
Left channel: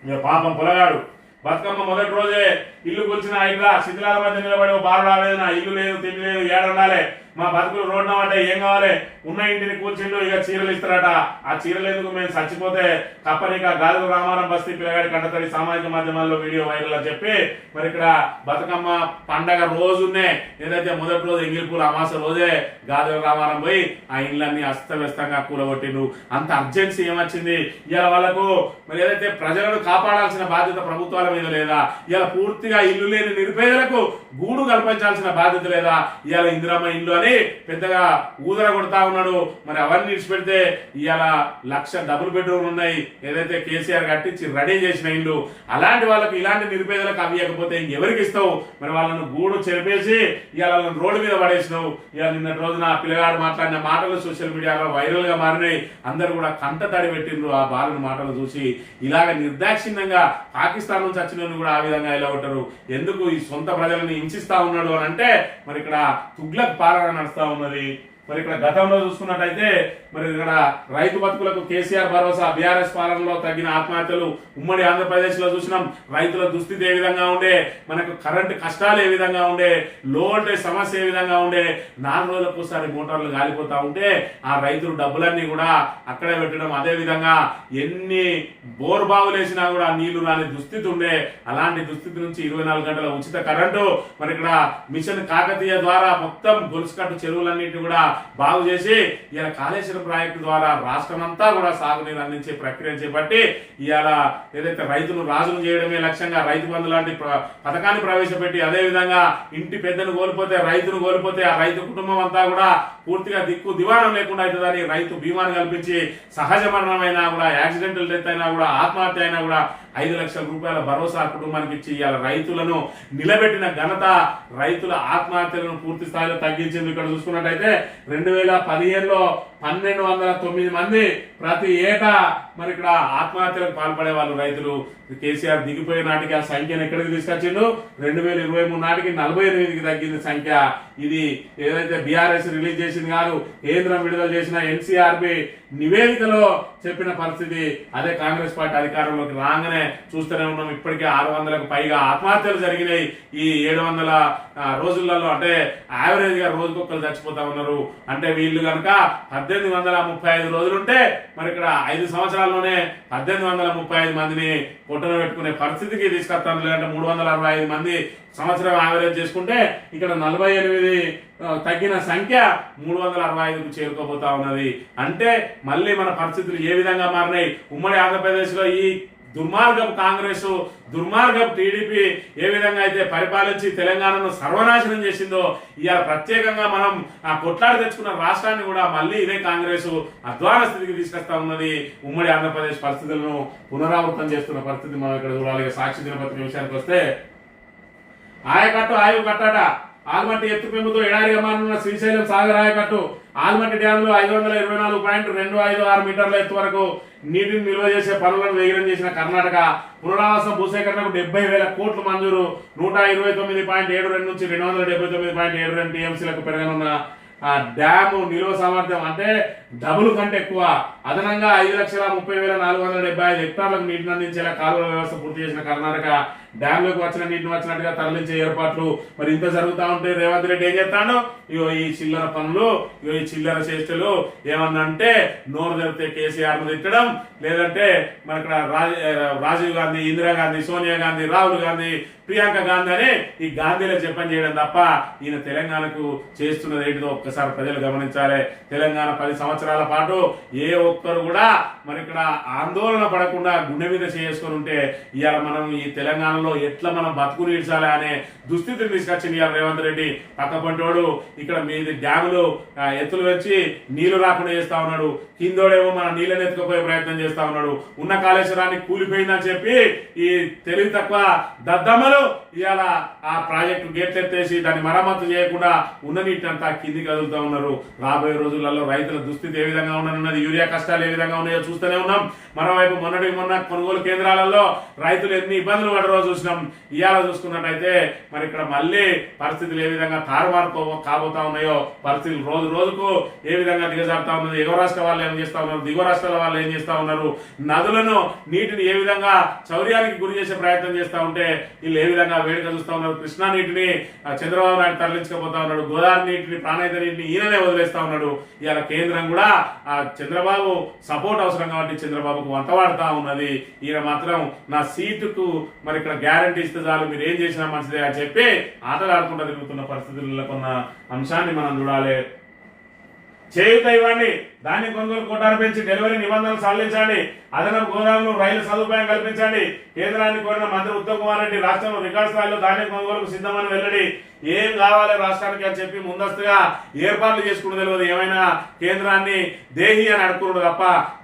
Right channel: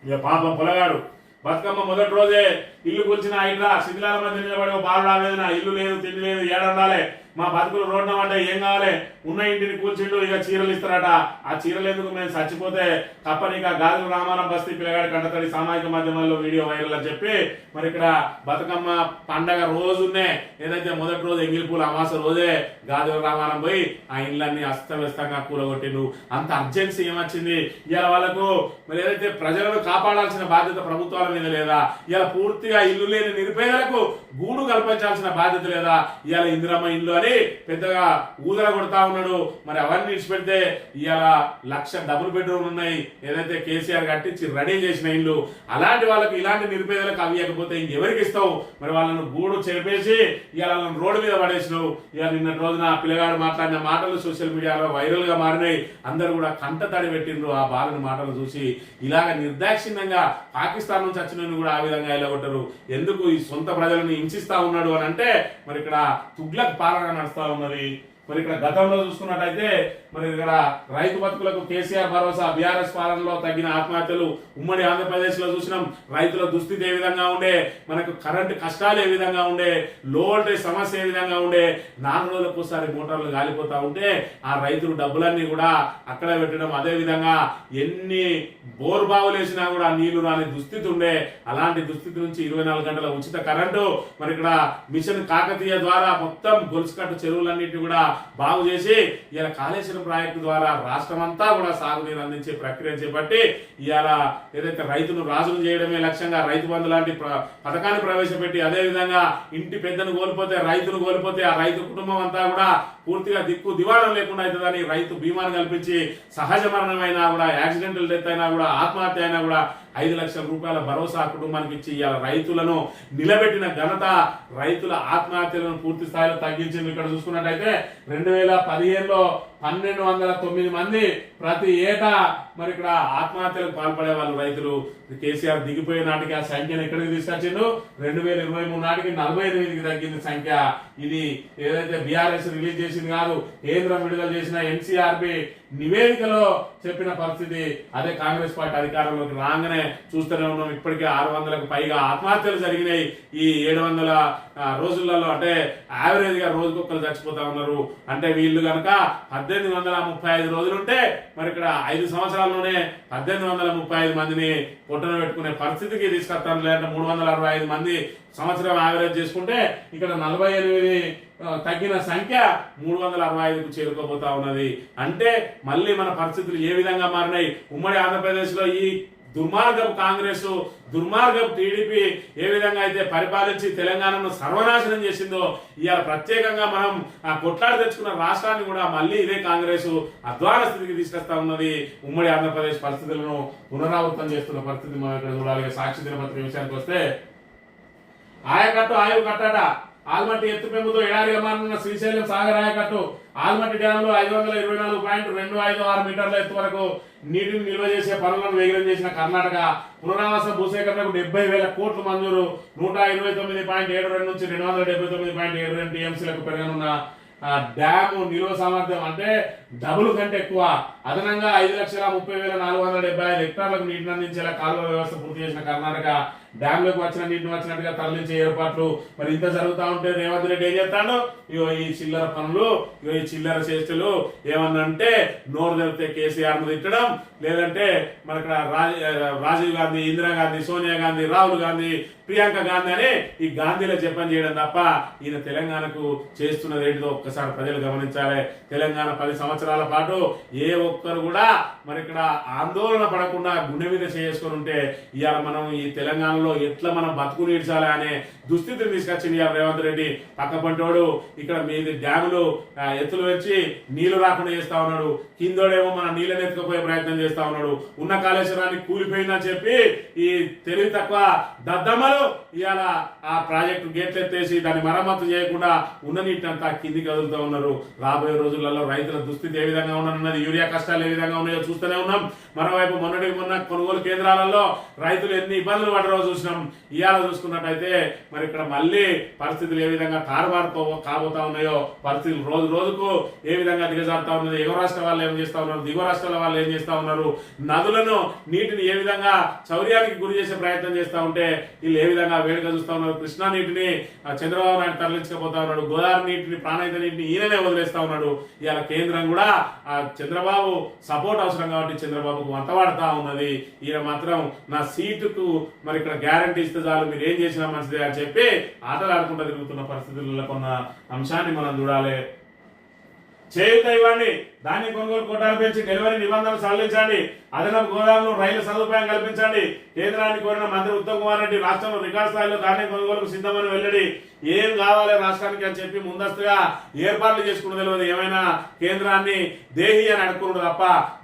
ఇక పాపం పొలగాడు బతుకమ్మ మొదటి రోజే ఇల్లు కూల్చిన ఇక్కడ శిథిలాల మధ్య నిలబడి బాలు రావేదన, ఇల్లు లేదు, తిండి లేదు, ఏడుండాలి, మా బతుకులు రోడ్డు అంటే ఏం కావాలి, ఉన్న ఇంటిని కూల్చిండు, ఇక చీరలు ఇస్తారట. ఆ చీరలు ఎందుకు మేము చచ్చిపోతే తప్పనిక గాజుల రామారం బస్తీ పిల్లగాడి కంటతడి సామాజిక మాధ్యమాల్లో వీడియో వైరల్ అని చెప్పి మరి ఇక్కడ బతుకమ్మ పండగ రోజునే ఏదైతే మొదటి రోజు ఎంగిలిపూల అమాస రోజే గాజుల రామారం పోయి ఆ ఇళ్ళన్ని అస్తవ్యస్తంగా కూలగొట్టిండు. అంత అర్జెన్సీ ఏమొచ్చింది? ఇవాళ వాళ్ళకు మరి ఏదైతే ప్రజలను కాపాడాల్సిన బాధ్యత ప్రభుత్వాల మీద లేదా? ఇవాళ పూర్తిగా ఇల్లు లేని నిరుపేదలకు గూడు కల్పించాల్సిన బాధ్యత లేదా? ఇవాళ ఇందిరమ్మ ఇల్లు అని పెద్దగా ఊదర కొడతా ఉన్నాడు. మరి అవన్నీ విడిచిపెడితే ఇవాళ 1,00,000 డబుల్ బెడ్రూమ్లు ఉన్నాయి, ఏదైతే కేసీఆర్ కట్టించి రెడీ చేసిన ఇల్లు. అలాంటి వాళ్ళకి, ఇలాంటి నిరుపేదలకు అవి ఇవ్వకపోతే ఇంకెవరికి ఇస్తావు? మరి వాళ్ళను గూడు చెరిపేసి ఇవాళ వాళ్ళని రోడ్డు మీద పడేసినావు. ఇవాళ నిన్న రోజున ఆ పిల్లగాడు మాట్లాడిన మాటలు సోషల్ మీడియాలో వైరల్ గా మారినాయి. అందరూ కూడా కంట తడి పెట్టిండ్రు ఆ బాలను మాటలు చూసి. ఇలాగ నిర్దాక్షిణ్యంగా పాకిస్తాన్ నుంచి వచ్చిన కూడా ఆ విధంగా ఇలా కొట్టారు. ఎందుకు ఈ సొంత ప్రజలను హింసిస్తా ఉన్నాడు అని అంటే మరి ఇక్కడ తుగ్లక్ పాలన నడుస్తా ఉన్నది. మరి ఇక్కడ గతంలో చూసుకున్నట్టయితే మరి ఇక్కడ రైతు బతుకులకు కేసీఆర్ భరోసా, బీఆర్ఎస్ పాలనలో తగ్గిన ఆత్మహత్యలు ఉమ్మడి ఆంధ్రప్రదేశ్ లో చూసినాం. రైతుల దుస్థితి ఏ విధంగా ఉండే, మనకు కరెంటు కష్టాలు ఏ విధంగా ఉండే, లో వోల్టేజ్ సమస్య ఏ విధంగా ఉండే, 4 రోజులకు ఒకసారి మోటార్లు గాలిపోతా ఉంటే ఆ రైతులు డబ్బులన్నీ కూడా అక్కడే పెట్టడం. అదే విధంగా ఎన్ని బోర్ బావులు వేసినా కూడా నీళ్లు రాని దుస్థితి ఉండే. అలాంటి దుస్థితి నుంచి 24 గంటల ఉచిత కరెంటు, మరి ఇక్కడ మిషన్ కాకతీయ ద్వారా మొత్తం గొలుసుకట్టు చెరువులన్నింటినీ కూడా బాగు చేసి ఇలా కాళేశ్వరం ప్రాజెక్టు ద్వారా రాష్ట్రం అంతా కూడా సాగునీరు అందించే ప్రక్రియను చేపట్టి ఇవాళ ఏదైతే రైతును రాజును చేయడమే లక్ష్యంగా రైతు బంధు లాంటి పథకాన్ని ప్రవేశపెట్టి, అదే విధంగా ఇంటి పెద్దను కోల్పోతే, రైతును కోల్పోతే ఆ రైతు కుటుంబం అంతా కూడా పూర్తిగా దిక్కు దివాణం లేకుండా అవుతుందని రైతు బీమాను కల్పించి సహజ మరణమైనా కూడా, యాక్సిడెంటల్ డెత్ అయినా కూడా, ఆత్మహత్య అయినా కూడా 5 లక్షల రూపాయల భరోసా కుటుంబానికి ఇచ్చి ఇవాళ రైతులను నిలబెట్టిన ఘనత, రైతుల ఆత్మహత్యలను పూర్తి స్థాయిలో తగ్గించింది. ఇక్కడ చూసుకున్నట్టయితే 2015లో 1,209 మంది ప్రతి ఏటా మరి ఇక్కడ ఆత్మహత్యలకు పాల్పడే వాళ్ళు రైతులు. కేసీఆర్ దిగిపోయే నాటికి ఆ సంఖ్యను ఎక్కడికి తీసుకొచ్చిండు? 2023 నాటికి 48కి తగ్గింది సంఖ్య. ఇది ఏదైతే బీఆర్ఎస్ రిలీజ్ చేసింది కాదు, కేంద్రం విడుదల చేసిన ఎన్సీఆర్బి నివేదికలో చెప్పిన పరిస్థితి. అదే కాంగ్రెస్ పార్టీ అధికారంలోకి రాగానే చూస్తూనే ఉన్నాం. ఇప్పటికే 600లకు పైగా ఆత్మహత్యలు జరిగినాయి ఈ 700 రోజులలో. అంటే యావరేజ్ గా రోజుకొక్కరు చచ్చిపోతా ఉన్నారు. అంటే వీళ్ళు కనుక 1835 రోజులుంటే మరి ఇక్కడ 5 సంవత్సరాల్లోనే 1835 మందిని పొట్టన పెట్టుకునే పరిస్థితికి తీసుకొస్తాం. లేదంటే 365 మంది సంవత్సరం యావరేజ్ చేసుకుంటే ఇక్కడ 48 తగ్గిన సంఖ్య 365కు చేరుకోబోతా ఉన్నది. అంటే మళ్ళీ మన పరిస్థితులు ఏ విధంగా మారినాయి? ఉమ్మడి ఆంధ్రప్రదేశ్ లో ఈ దుర్మార్గపు కాంగ్రెస్, దుర్మార్గపు టీడీపీ ఏ విధంగా అయితే పరిపాలించి తెలంగాణను సర్వనాశనం చేసిందో, ఇవాళ ప్రత్యేకంగా మనం కొట్లాడి తెచ్చుకున్న రాష్ట్రాన్ని కూడా మళ్ళీ ఇదే కాంగ్రెస్ అధ్వాన స్థితికి తీసుకొస్తా ఉన్నది. ఉమ్మడి ఆంధ్రప్రదేశ్ పరిస్థితులను పునరావృతం చేస్తున్న పరిస్థితి మనం ఇక్కడ చూడాలి. సాక్షి దినపత్రిక విషయానికి వస్తే, ఆయకట్టు ఆయువు కట్టట, ఆల్మట్టి ఎత్తుపెంపుతో ఎడారిగా మారనున్న శ్రీశైలం సాగర్ ఆయకట్టు. ఆల్మట్టి డ్యామ్ లో 524.256 మీటర్ల ఎత్తు వరకు నీటిని నిల్వ చేసే పనులను వేగం చేసిన కర్ణాటక. పునరావాస భూసేకరణకు 70,000 కోట్లు మంజూరు. 129.72 నుంచి 279.72 టీఎంసీలకు పెరగనున్న డ్యాము నిల్వ సామర్థ్యం అంటే డబుల్ కంటే ఎక్కువ. అదనంగా 5,30,475 హెక్టార్లకు నీటిని అందించేలా కాలువల వ్యవస్థ పూర్తి చేసిన కర్ణాటక. డ్యాంలోకి వచ్చిన నీటిని వచ్చినట్టుగా తరలించే ఏర్పాట్లు. మరి ఇంత జరుగుతా ఉంటే రేవంత్ రెడ్డి ఏం చెప్తాడు? ఇగో ఈ చిల్లర పనులు, ఇగో ఈ చిల్లర చేష్టలు ఏమన్నా అంటే నోరు తెరితే కేసీఆర్ ను తిట్టడం, లేదంటే మరి ఇక్కడ రాజీవ్ గాంధీ, ఇందిరాగాంధీ, సోనియా గాంధీ, రాహుల్ గాంధీ, ప్రియాంక గాంధీ అని ఈ గాంధీలో చెప్పని చేయడం తప్ప ఈయన తెలంగాణకు చేస్తున్నది ఏంటిదో ఒక్కసారి ప్రజలు గమనించాలి. తెలంగాణ 10 సంవత్సరాల పాటు ఏ ఒక్కరు కూడా మరి ఇక్కడ ఆందోళన పడకుండా గుండె మీద చేసుకుని ఉంటే ఇవాళ మనం ఈ తెలంగాణలో ఎట్లా మనం బతుకుని ఇడ్చాలి అనే దుస్థితిని తీసుకొచ్చింది ఇవాళ రేవంత్ రెడ్డి. పక్క పంటోడు ఇక్కడ మీది డ్యాములు ఎత్తులు వచ్చి నీళ్లు రాకుండా చేస్తా ఉన్నాడు, కిందోడేమో మన నీళ్ళని ఎత్తుకుపోయే ప్రయత్నం చేస్తా ఉన్నాడు. ఉన్న కాళేశ్వరాన్ని కూలిపోయిందని చెప్పి ఈ తెలివి తక్కువ దద్దమ్మలు ఇవాళ ఆ ప్రాజెక్టు గేట్లు ఎత్తేసి దాన్ని మరమ్మతు చేయకుండా ఉన్న నీటినంతా కిందికి కదులుతూ ఉన్నారు. రాబోయే రోజులలో రైతుల దుస్థితి ఏ విధంగా ఉండనున్నది, యూరియా కష్టాలు ఏ విధంగా ఉన్నాయో చూస్తూనే ఉన్నాం. మరోవైపు మొన్న కొనుగోలు కేంద్రాలలో రైతులు ఎన్ని ఇబ్బందులు పడరో చూసినాం. ఇవాళ చూసుకున్నట్టయితే మరి ఇక్కడ మళ్ళీ పరిస్థితులు ఏ విధంగా తారుమారు కాబోతా ఉన్నాయో, పరిస్థితులు రోజు రోజుకు ఏ విధంగా దిగజారుతా ఉన్నది. ఎగువ రాష్ట్ర వాళ్ళు ఏం చేస్తా ఉన్నారు, దిగువ రాష్ట్రాల వాళ్ళు ఏం చేస్తా ఉన్నారు, నదులను నీటిని ఏ విధంగా చౌర్యానికి గురి చేసే ప్రయత్నం చేస్తా ఉంటే వీళ్ళు ఏ విధంగా వేడుక చూస్తా ఉన్నారు. కృష్ణా నీటిని చంద్రబాబు నాయుడు తరలించకపోతా ఉన్నాడు, గోదావరి నీటిని, ప్రాణహిత నీటిని ఈయననే వదిలేస్తా ఉన్నాడు. ఇవాళ కేంద్రం కూడా ఆ చంద్రబాబు సపోర్ట్ అవసరం కాబట్టి చంద్రబాబుకు వంతవాడుతా ఉన్నది. ఈయన మాత్రం నా సీటుకు మరి ఇక్కడ గ్యారంటీ ఇస్తే చాలు, మీరు ఏం చేసినా మంచిదే అని చెప్పి ఆటలాడుకుంటూ తిరుగుతున్న పరిస్థితుల్లో కొన్న అంశాన్ని మనం చూడాలి. చేయూత ఇవ్వండి, ధాన్యం కొనుగోలు కోటాను పెంచి డెలివరీ నిబంధనలు సడలించండి, అదనపు గోదాములు రైలు సదుపాయం కల్పించండి. కేంద్రాన్ని కోరిన మంత్రి ఉత్తమ్ కుమార్ రెడ్డి రాష్ట్రంలో రికార్డు స్థాయిలో ధాన్యం కొనుగోలుకు సిద్ధమని వెల్లడి. ఏం కావాలి రాష్ట్రానికి అని చెప్పి ముందస్తుగా ఏర్పాట్లు చేసుకుని తెలియదు. ఏమైనా కేంద్రాన్ని దేహి అని అడుక్కున్నాడు తప్ప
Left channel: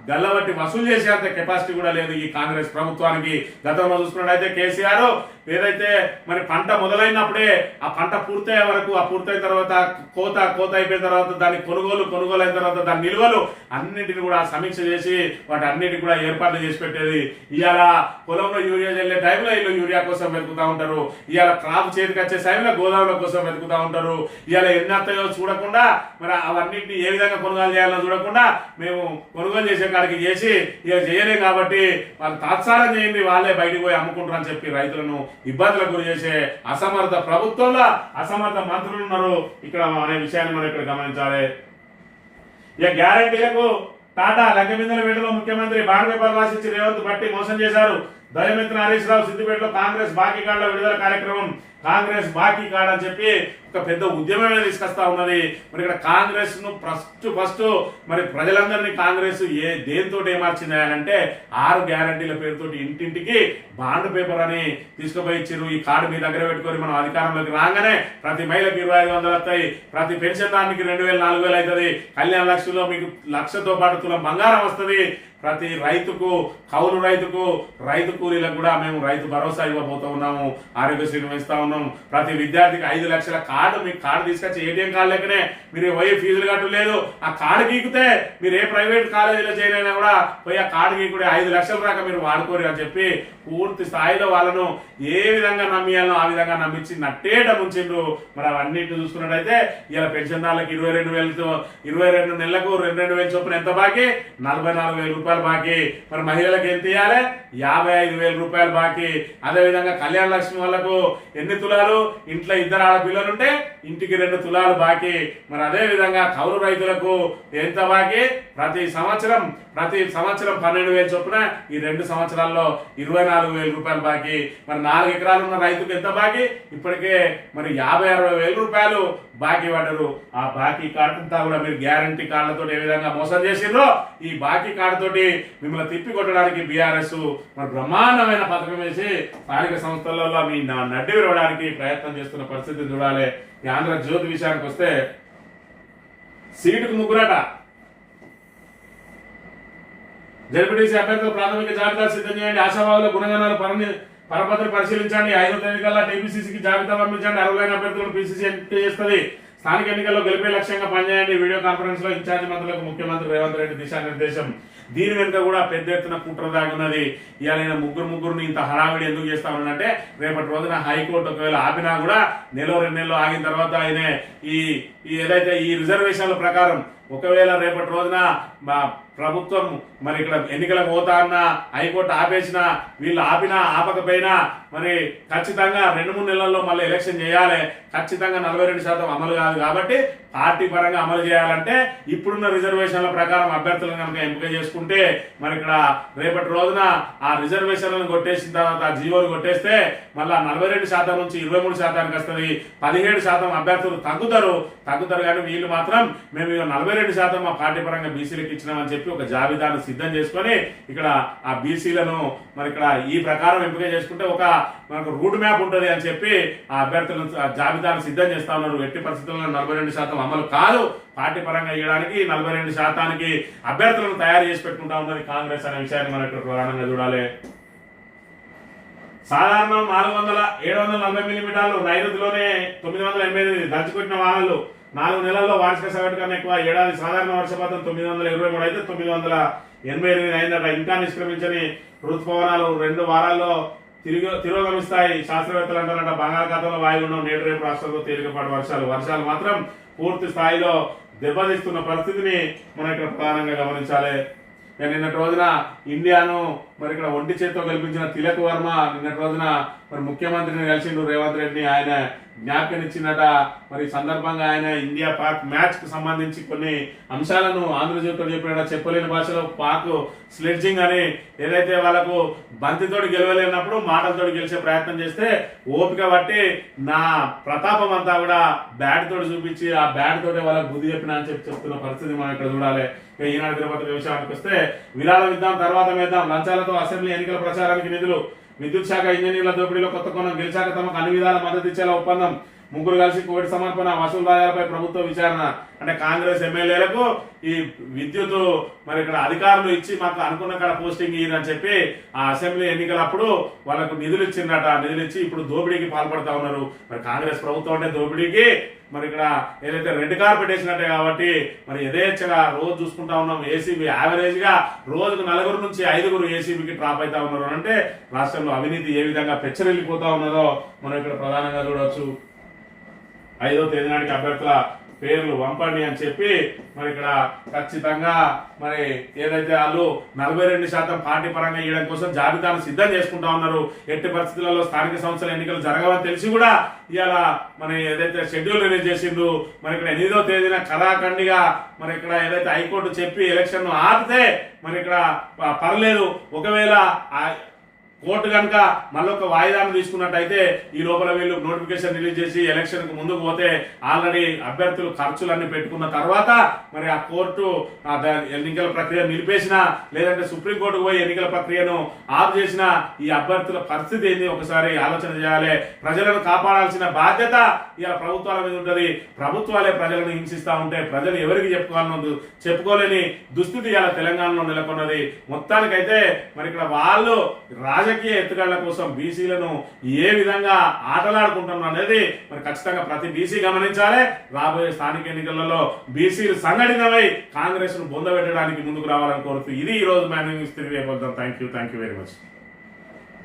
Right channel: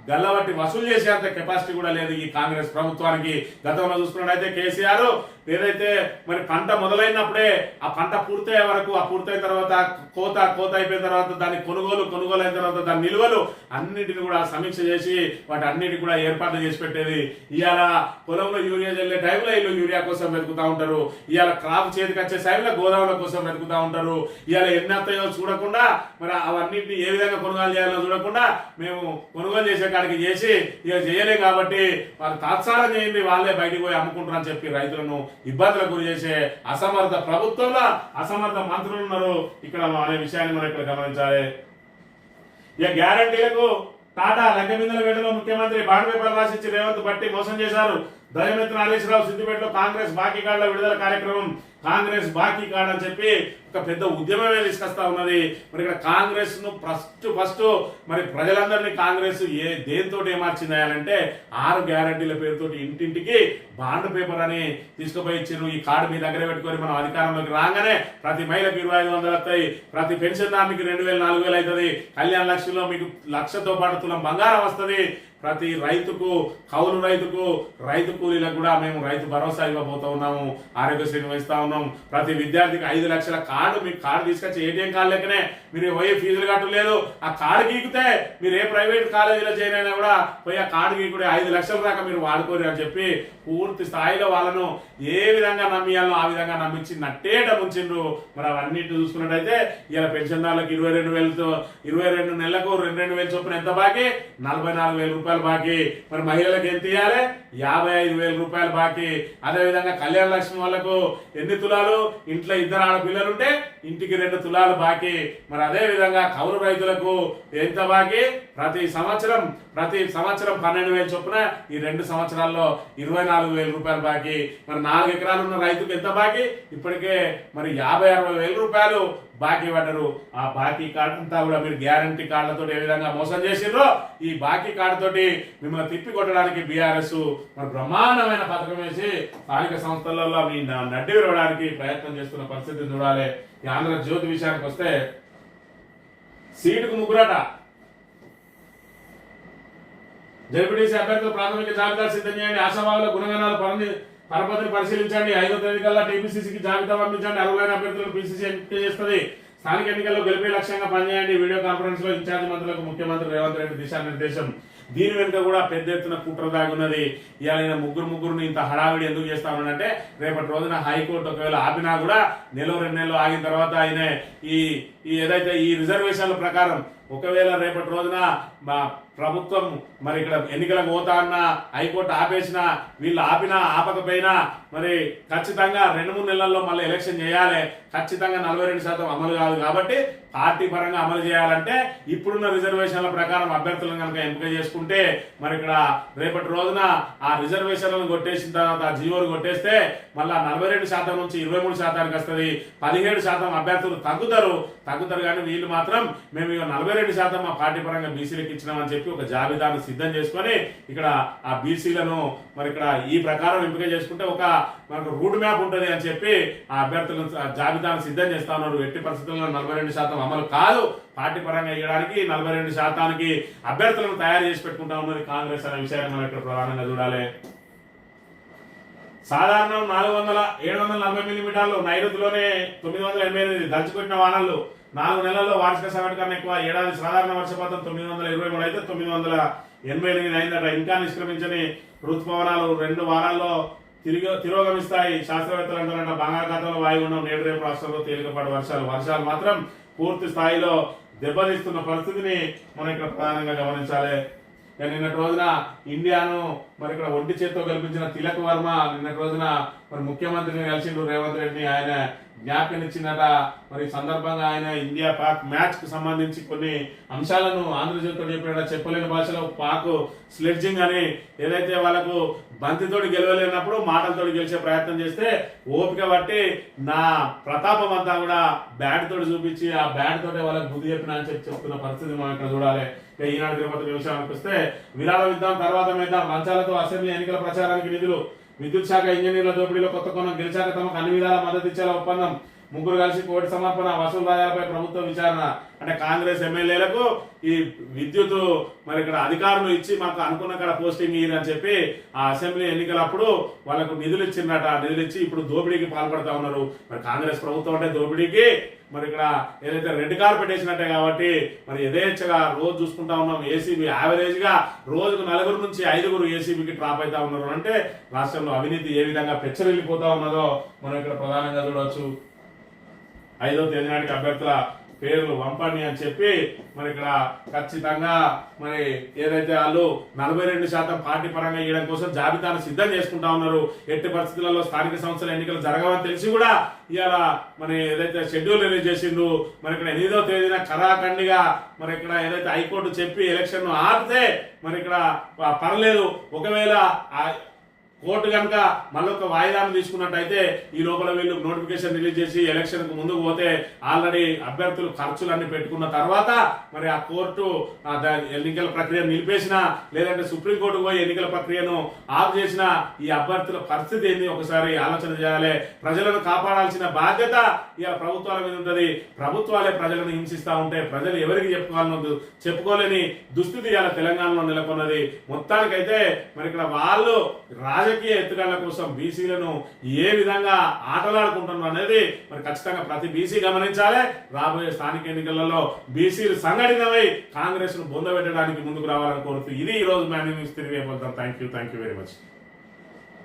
గల్లబట్టి వసూలు చేసేంత కెపాసిటీ కూడా లేదు ఈ కాంగ్రెస్ ప్రభుత్వానికి. గతంలో చూసుకున్నట్టయితే కేసీఆర్ ఏదైతే మరి పంట మొదలైనప్పుడే ఆ పంట పూర్తయ్యే వరకు, ఆ పూర్తయిన తర్వాత కోత అయిపోయిన తర్వాత దాని కొనుగోలు అయిన తర్వాత దాని నిల్వలు అన్నింటిని కూడా సమీక్ష చేసి వాటి అన్నిటిని కూడా ఏర్పాట్లు చేసి పెట్టేది. ఇవాళ పొలంలో యూరియా చల్లే టైంలో వీళ్ళు యూరియా కోసం వెతుకుతా ఉంటారు, ఇవాళ క్రాప్ చేతికి వచ్చే టైంలో గోదాముల కోసం వెతుకుతా ఉంటారు. ఇవాళ ఎన్ని వస్తాయో చూడకుండా మరి అవన్నింటినీ ఏ విధంగా కొనుగోలు చేయాలో చూడకుండా మేము కొనుగోలు చేసే కాడికి చేసి ఇక చేయలేం కాబట్టి వాళ్ళు తాత్సారం చేయండి, వాళ్ళే బయటకు పోయి అమ్ముకుంటారని చెప్పి రైతులను ఇబ్బందులకు గురి చేసే అసమర్థ ప్రభుత్వంలో అసమర్థ మంత్రులు ఉన్నారు ఇక్కడ అనే విషయాన్ని మనం ఇక్కడ గమనించాలి. ఇక గ్యారంటీలకు టాటా లంకెమిందల వేటలో ముఖ్యమంత్రి బాండ్ పేపర్ రాసిచ్చి రేవంత్ బట్టి మోసం చేశారు. దయమెత్తిన హరీష్ రావు సిద్దిపేటలో కాంగ్రెస్ బాకీ కార్డుల విడుదల కార్యక్రమం. కాంగ్రెస్ బాకీ కార్డు అని చెప్పి ఒక పెద్ద ఉద్యమమే తీసుకొస్తా ఉన్నది. మరి ఇక్కడ కాంగ్రెస్ ను ఫస్ట్ మరి ప్రజలందరినీ కాంగ్రెస్ దేంతో ఏమార్చింది అంటే 6 గ్యారంటీల పేరుతోటి ఇంటింటికి బాండ్ పేపర్ అని తీసుకుపోయి ఇచ్చారు. ఈ కార్డు మీ దగ్గర పెట్టుకొని మనం అధికారంలోకి రాగానే ప్రతి మహిళకు 2500 వస్తాయి, ప్రతి పెన్షన్ దానికి 2000 4000 అవుతుంది, కళ్యాణ లక్ష్మిలో మీకు 1,00,000తో పాటు తులం బంగారం వస్తుంది. ప్రతి రైతుకు, కౌలు రైతుకు, రైతు కూలీలకు కూడా మేము రైతు భరోసా ఇవ్వబోతా ఉన్నాము, ఆరోగ్యశ్రీని ఇస్తా ఉన్నాము. ప్రతి విద్యార్థికి 5 లక్షల కార్డు, మీకు కార్డు తీసుకొచ్చి ఏటీఎం కార్డు లెక్కనే మీరు పోయి ఫీజులు కట్టలేదు. ఆ కార్డు గీకితే మీరు ఏ ప్రైవేట్ కాలేజీలో జాయిన్ అయినా కూడా పోయి ఆ కార్డు గీకుడే 5 లక్షల దాకా మీరు వాడుకోరు అని చెప్పి పూర్తి స్థాయిలో వాళ్ళను ఏ విధంగా నమ్మియాలో ఆ విధంగా నమ్మించి నట్టేట ముంచిండ్రు. మరి అవన్నిటిని చూసుకున్నట్టయితే ఇలా పెన్షన్దారులకు 22 నెలలకు 2,000 చొప్పున ఎంత బాకీ? 44,000 రూపాయలు బాకీ. మరి మహిళలకు ఎంత ఇవ్వాలి? 55,000 రూపాయలు బాకీ. అదేవిధంగా కళ్యాణ లక్ష్మి వాళ్ళకు ఎన్ని తులాలు? ఇంట్లో 2 ఆడపిల్లలుంటే ఇంటికి 2 తులాలు బాకీ. మరి అదే విధంగా కౌలు రైతులకు ఎంత బాకీ? ప్రతి సంవత్సరం 12,000 చొప్పున ఈ 2 సంవత్సరాల్లో 24,000 రూపాయలు బాకీ. మరి 4 ఎకరాలు ఉన్న రైతుకు ఎంత బాకీ? ఇప్పటికే మరి 50,000-60,000 రూపాయలు బాకీ పడ్డారు. ఆ బాకీ కార్డు అంతా కూడా మీరు గ్యారంటీ కార్డులతో ఏ విధంగా మోసం చేసిండ్రో ఈ బాకీ కార్డుతోటి మిమ్మల్ని తిప్పి కొట్టడానికి బీఆర్ఎస్ మరి బ్రహ్మాండమైన పథకం వేసి స్థానిక సంస్థలలో మీ నడ్డి విరవడానికి ప్రయత్నం చేస్తున్న పరిస్థితిని చూడాలి. ఈ ఆంధ్రజ్యోతి విషయానికి వస్తే సీటుకు 3 జడ్పీటీసీ అభ్యర్థులు ప్రాథమిక జాబితా సిద్ధం చేయండి. ఆశావాదుల గుణగణాల పరపతిని పరిశీలించండి. 5వ తేదీ కల్లా టీపీసీసీకి జాబితా పంపించండి. 60 అభ్యర్థులను పీసీసీ ఎంపిక చేస్తుంది. స్థానిక ఎన్నికల్లో గెలిపే లక్ష్యంగా పనిచేయండి. వీడియో కాన్ఫరెన్స్ లో ఇన్ఛార్జి మంత్రులకు ముఖ్యమంత్రి రేవంత్ రెడ్డి దిశానిర్దేశం. దీని వెనుక కూడా పెద్ద ఎత్తున కుట్ర దాగున్నది. ఇవాళ ముగ్గురుని ఇంత హడావిడి ఎందుకు చేస్తా ఉన్నాడంటే రేపటి రోజున హైకోర్టు ఒకవేళ ఆపినా కూడా 1-2 నెలలు ఆగిన తర్వాత ఆయన ఏదైతే ఈ రిజర్వేషన్ల ప్రకారం ఒకవేళ రేపటి రోజున ప్రభుత్వం మరి ఇక్కడ ఎన్నికలకు పోతా అన్న హైకోర్టు ఆపేసినా, వీళ్ళు ఆపినా ఆపకపోయినా మరి ఖచ్చితంగా 2-3 నెలల్లో మళ్ళీ ఎలక్షన్ చేయాలి. ఖచ్చితంగా 42% అమలు కాదు కాబట్టి పార్టీ పరంగా అమలు చేయాలంటే ఇప్పుడున్న రిజర్వేషన్ల ప్రకారం అభ్యర్థులను కనుక ఎంపిక చేసుకుంటే మరి ఇక్కడ రేపటి రోజున ఆ రిజర్వేషన్లను కొట్టేసిన తర్వాత ఆ జీవోలు కొట్టేస్తే మళ్ళా 42% నుంచి 23% వస్తుంది. 17% అభ్యర్థులు తగ్గుతారు కానీ వీళ్ళు మాత్రం మేము 42% మా పార్టీ పరంగా బీసీలకు ఇచ్చినామని చెప్పి ఒక జాబితాను సిద్ధం చేసుకొని ఇక్కడ ఆ బీసీలను మరి ఇక్కడ ఈ ప్రకారం ఎంపిక చేసుకుంటే మనకు రూట్ మ్యాప్ ఉంటుంది అని చెప్పి ఆ అభ్యర్థులను జాబితాను సిద్ధం చేస్తా ఉన్నారు. ఎట్టి పరిస్థితుల్లో 42% అమలు కాదు, పార్టీ పరంగా ఇవ్వడానికి 42%కి అభ్యర్థులను తయారు చేసి పెట్టుకుంటా ఉన్నది కాంగ్రెస్ అనే విషయాన్ని మనం ఇక్కడ ప్రధానంగా చూడాలి. సాధారణం 740 మిల్లీమీటర్లు, నైరుతిలోనే 988 దంచుకొట్టిన వానలు. 4 నెలల్లో వార్షిక సగటు కన్నా ఎక్కువ. ఏడాది సాధారణ వర్షపాతం 923 అయితే 988 అయిందట. ఇంకా నిష్క్రమించని ఋతుపవనాలు 2 వారాల్లో తిరోగమిస్తాయి. శాస్త్రవేత్తలు అంటారంట బంగాళాఖాతంలో వాయుగుండం నేడు రేపు రాష్ట్రంలో తేలికపాటి వర్షాలు మాత్రం పూర్తి స్థాయిలో దెబ్బతీస్తున్న పరిస్థితిని మనం ఇక్కడ ప్రధానంగా గమనించాలి. నిన్నటి రోజున ఇండియాను మరి ఇక్కడ ఒంటి చేత్తో గెలిపించిన తిలక్ వర్మ నిన్నటి రోజున మరి ముఖ్యమంత్రిని కలిసిండు రేవంత్ రెడ్డిని. ఆయన జ్ఞాపకనిచ్చిందట. మరి ఈ సందర్భంగా ఆయన ఇండియా పాక్ మ్యాచ్ కు సంబంధించి కొన్ని అంశాలను ఆంధ్రజ్యోతితో చెప్పినట. చెప్పలేని భాషలో పాక్ స్లెడ్జింగ్ అని ఏదైతే వాళ్ళకు బంతితోటి గెలవలేనప్పుడు మాటలతోటి గెలిచే ప్రయత్నం చేస్తే ఓపిక బట్టి నా ప్రతాపం అంతా కూడా బ్యాట్ తోటి చూపించి ఆ బ్యాట్ తోటే వాళ్ళకి బుద్ధి చెప్పినా అని చెప్తున్న పరిస్థితి మనం ఇక్కడ చూడాలి. ఇక ఈనాడు తిరుపతి విషయానికి వస్తే విరాళం ఇద్దాం తర్వాత వేద్దాం, లంచాలతో అసెంబ్లీ ఎన్నికల ప్రచారానికి నిధులు, విద్యుత్ శాఖ ఇంజనీర్ల దోపిడీలో కొత్త కోణం, గెలిచాక తమకు అన్ని విధాల మద్దతు ఇచ్చేలా ఒప్పందం, ముగ్గురు కలిసి కోవిడ్ సమర్పణ, వసూలు రాయాలపై ప్రభుత్వ విచారణ. అంటే కాంగ్రెస్ ఎమ్మెల్యేలకు ఈ విద్యుత్ మరి ఇక్కడ అధికారులు ఇచ్చి మాకు అనుకున్న కాడ పోస్టింగ్ ఇయ్యని చెప్పి ఆ అసెంబ్లీ ఎన్నికలప్పుడు వాళ్ళకు నిధులు ఇచ్చిందట. నిధులు ఇచ్చి ఇప్పుడు దోపిడీకి పాల్పడతా ఉన్నారు. మరి కాంగ్రెస్ ప్రభుత్వం అంటే దోపిడీకి మరి ఇక్కడ ఏదైతే రెడ్ కార్పెట్ వేసినట్టే కాబట్టి మరి యథేచ్ఛగా రోజు చూసుకుంటా ఉన్నాం. ఏసీబీ యావరేజ్ గా రోజుకు 4 నుంచి 5 ఏసీబీకి ట్రాప్ అవుతా ఉన్నారు. అంటే రాష్ట్రంలో అవినీతి ఏ విధంగా పెచ్చరిల్లిపోతా ఉన్నదో మనం ఇక్కడ ప్రధానంగా చూడవచ్చు. 5వ తేదీ నాటికి అభ్యర్థుల పేర్లు పంపండి అని చెప్పి మరి ఇక్కడ ఖచ్చితంగా మరి ఏదైతే వాళ్ళు 42% పార్టీ పరంగా ఇవ్వడం కోసం జాబితాను సిద్ధం చేసుకుంటా ఉన్నారు. ఎట్టి పరిస్థితులలో స్థానిక సంస్థల ఎన్నికలు జరగవని తెలిసి కూడా ఇవాళ మరి ఏదైతే షెడ్యూల్ రిలీజ్ చేసిండ్రు మరి ఇక్కడ 8వ తేదీన కరాఖండిగా మరి ఇక్కడ ఏదైతే హైకోర్టు చెప్పి ఎలక్షన్ ను ఆపితే మరి ఇక్కడ పర్లేదు, ఒకవేళ కోర్టు కనుక మళ్ళొక వాయిదాను తీసుకున్నట్టయితే ఈ లోపల వీళ్ళు నోటిఫికేషన్ రిలీజ్ చేసి ఎలక్షన్ కు ముందుకు పోతే ఆల్రెడీ అభ్యర్థులు ఖర్చులన్నీ పెట్టుకున్న తర్వాత మరి ఆ కోర్టు ఎన్నికల ప్రక్రియ నిలిపేసిన లేదంటే సుప్రీంకోర్టుకు పోయి ఎన్నికల ప్రక్రియను ఆఫ్ చేసిన ఈ అభ్యర్థుల పరిస్థితి ఏంది ఒకసారి ఆలోచన చేయాలి. ప్రజలను కాపాడాల్సిన బాధ్యత ఇలా ప్రభుత్వాల మీద ఉంటది. ప్రభుత్వాలే ప్రజలను హింసిస్తా ఉంటే ప్రజలు ఎవరికి చెప్పుకోలేని దుస్థితి ఇలా తెలంగాణలో నెలకొన్నది. మొత్తానికైతే మరి ఇక్కడ వాళ్ళు రాజకీయ ఎత్తుగళ్ల కోసం బీసీలను ఏ విధంగా ఆటలాడుకుంటున్నారు అనేది మరి ఖచ్చితంగా ప్రతి బీసీ గమనించాలి. రాబోయే స్థానిక ఎన్నికలలో బీసీలు సంఘటితమై కాంగ్రెస్ ను బొందబెట్టడానికి ముందుకు రావాలని కోరుతూ ఇది ఈ రోజు మ్యాన్ న్యూస్ తిరిగి. Thank you very much.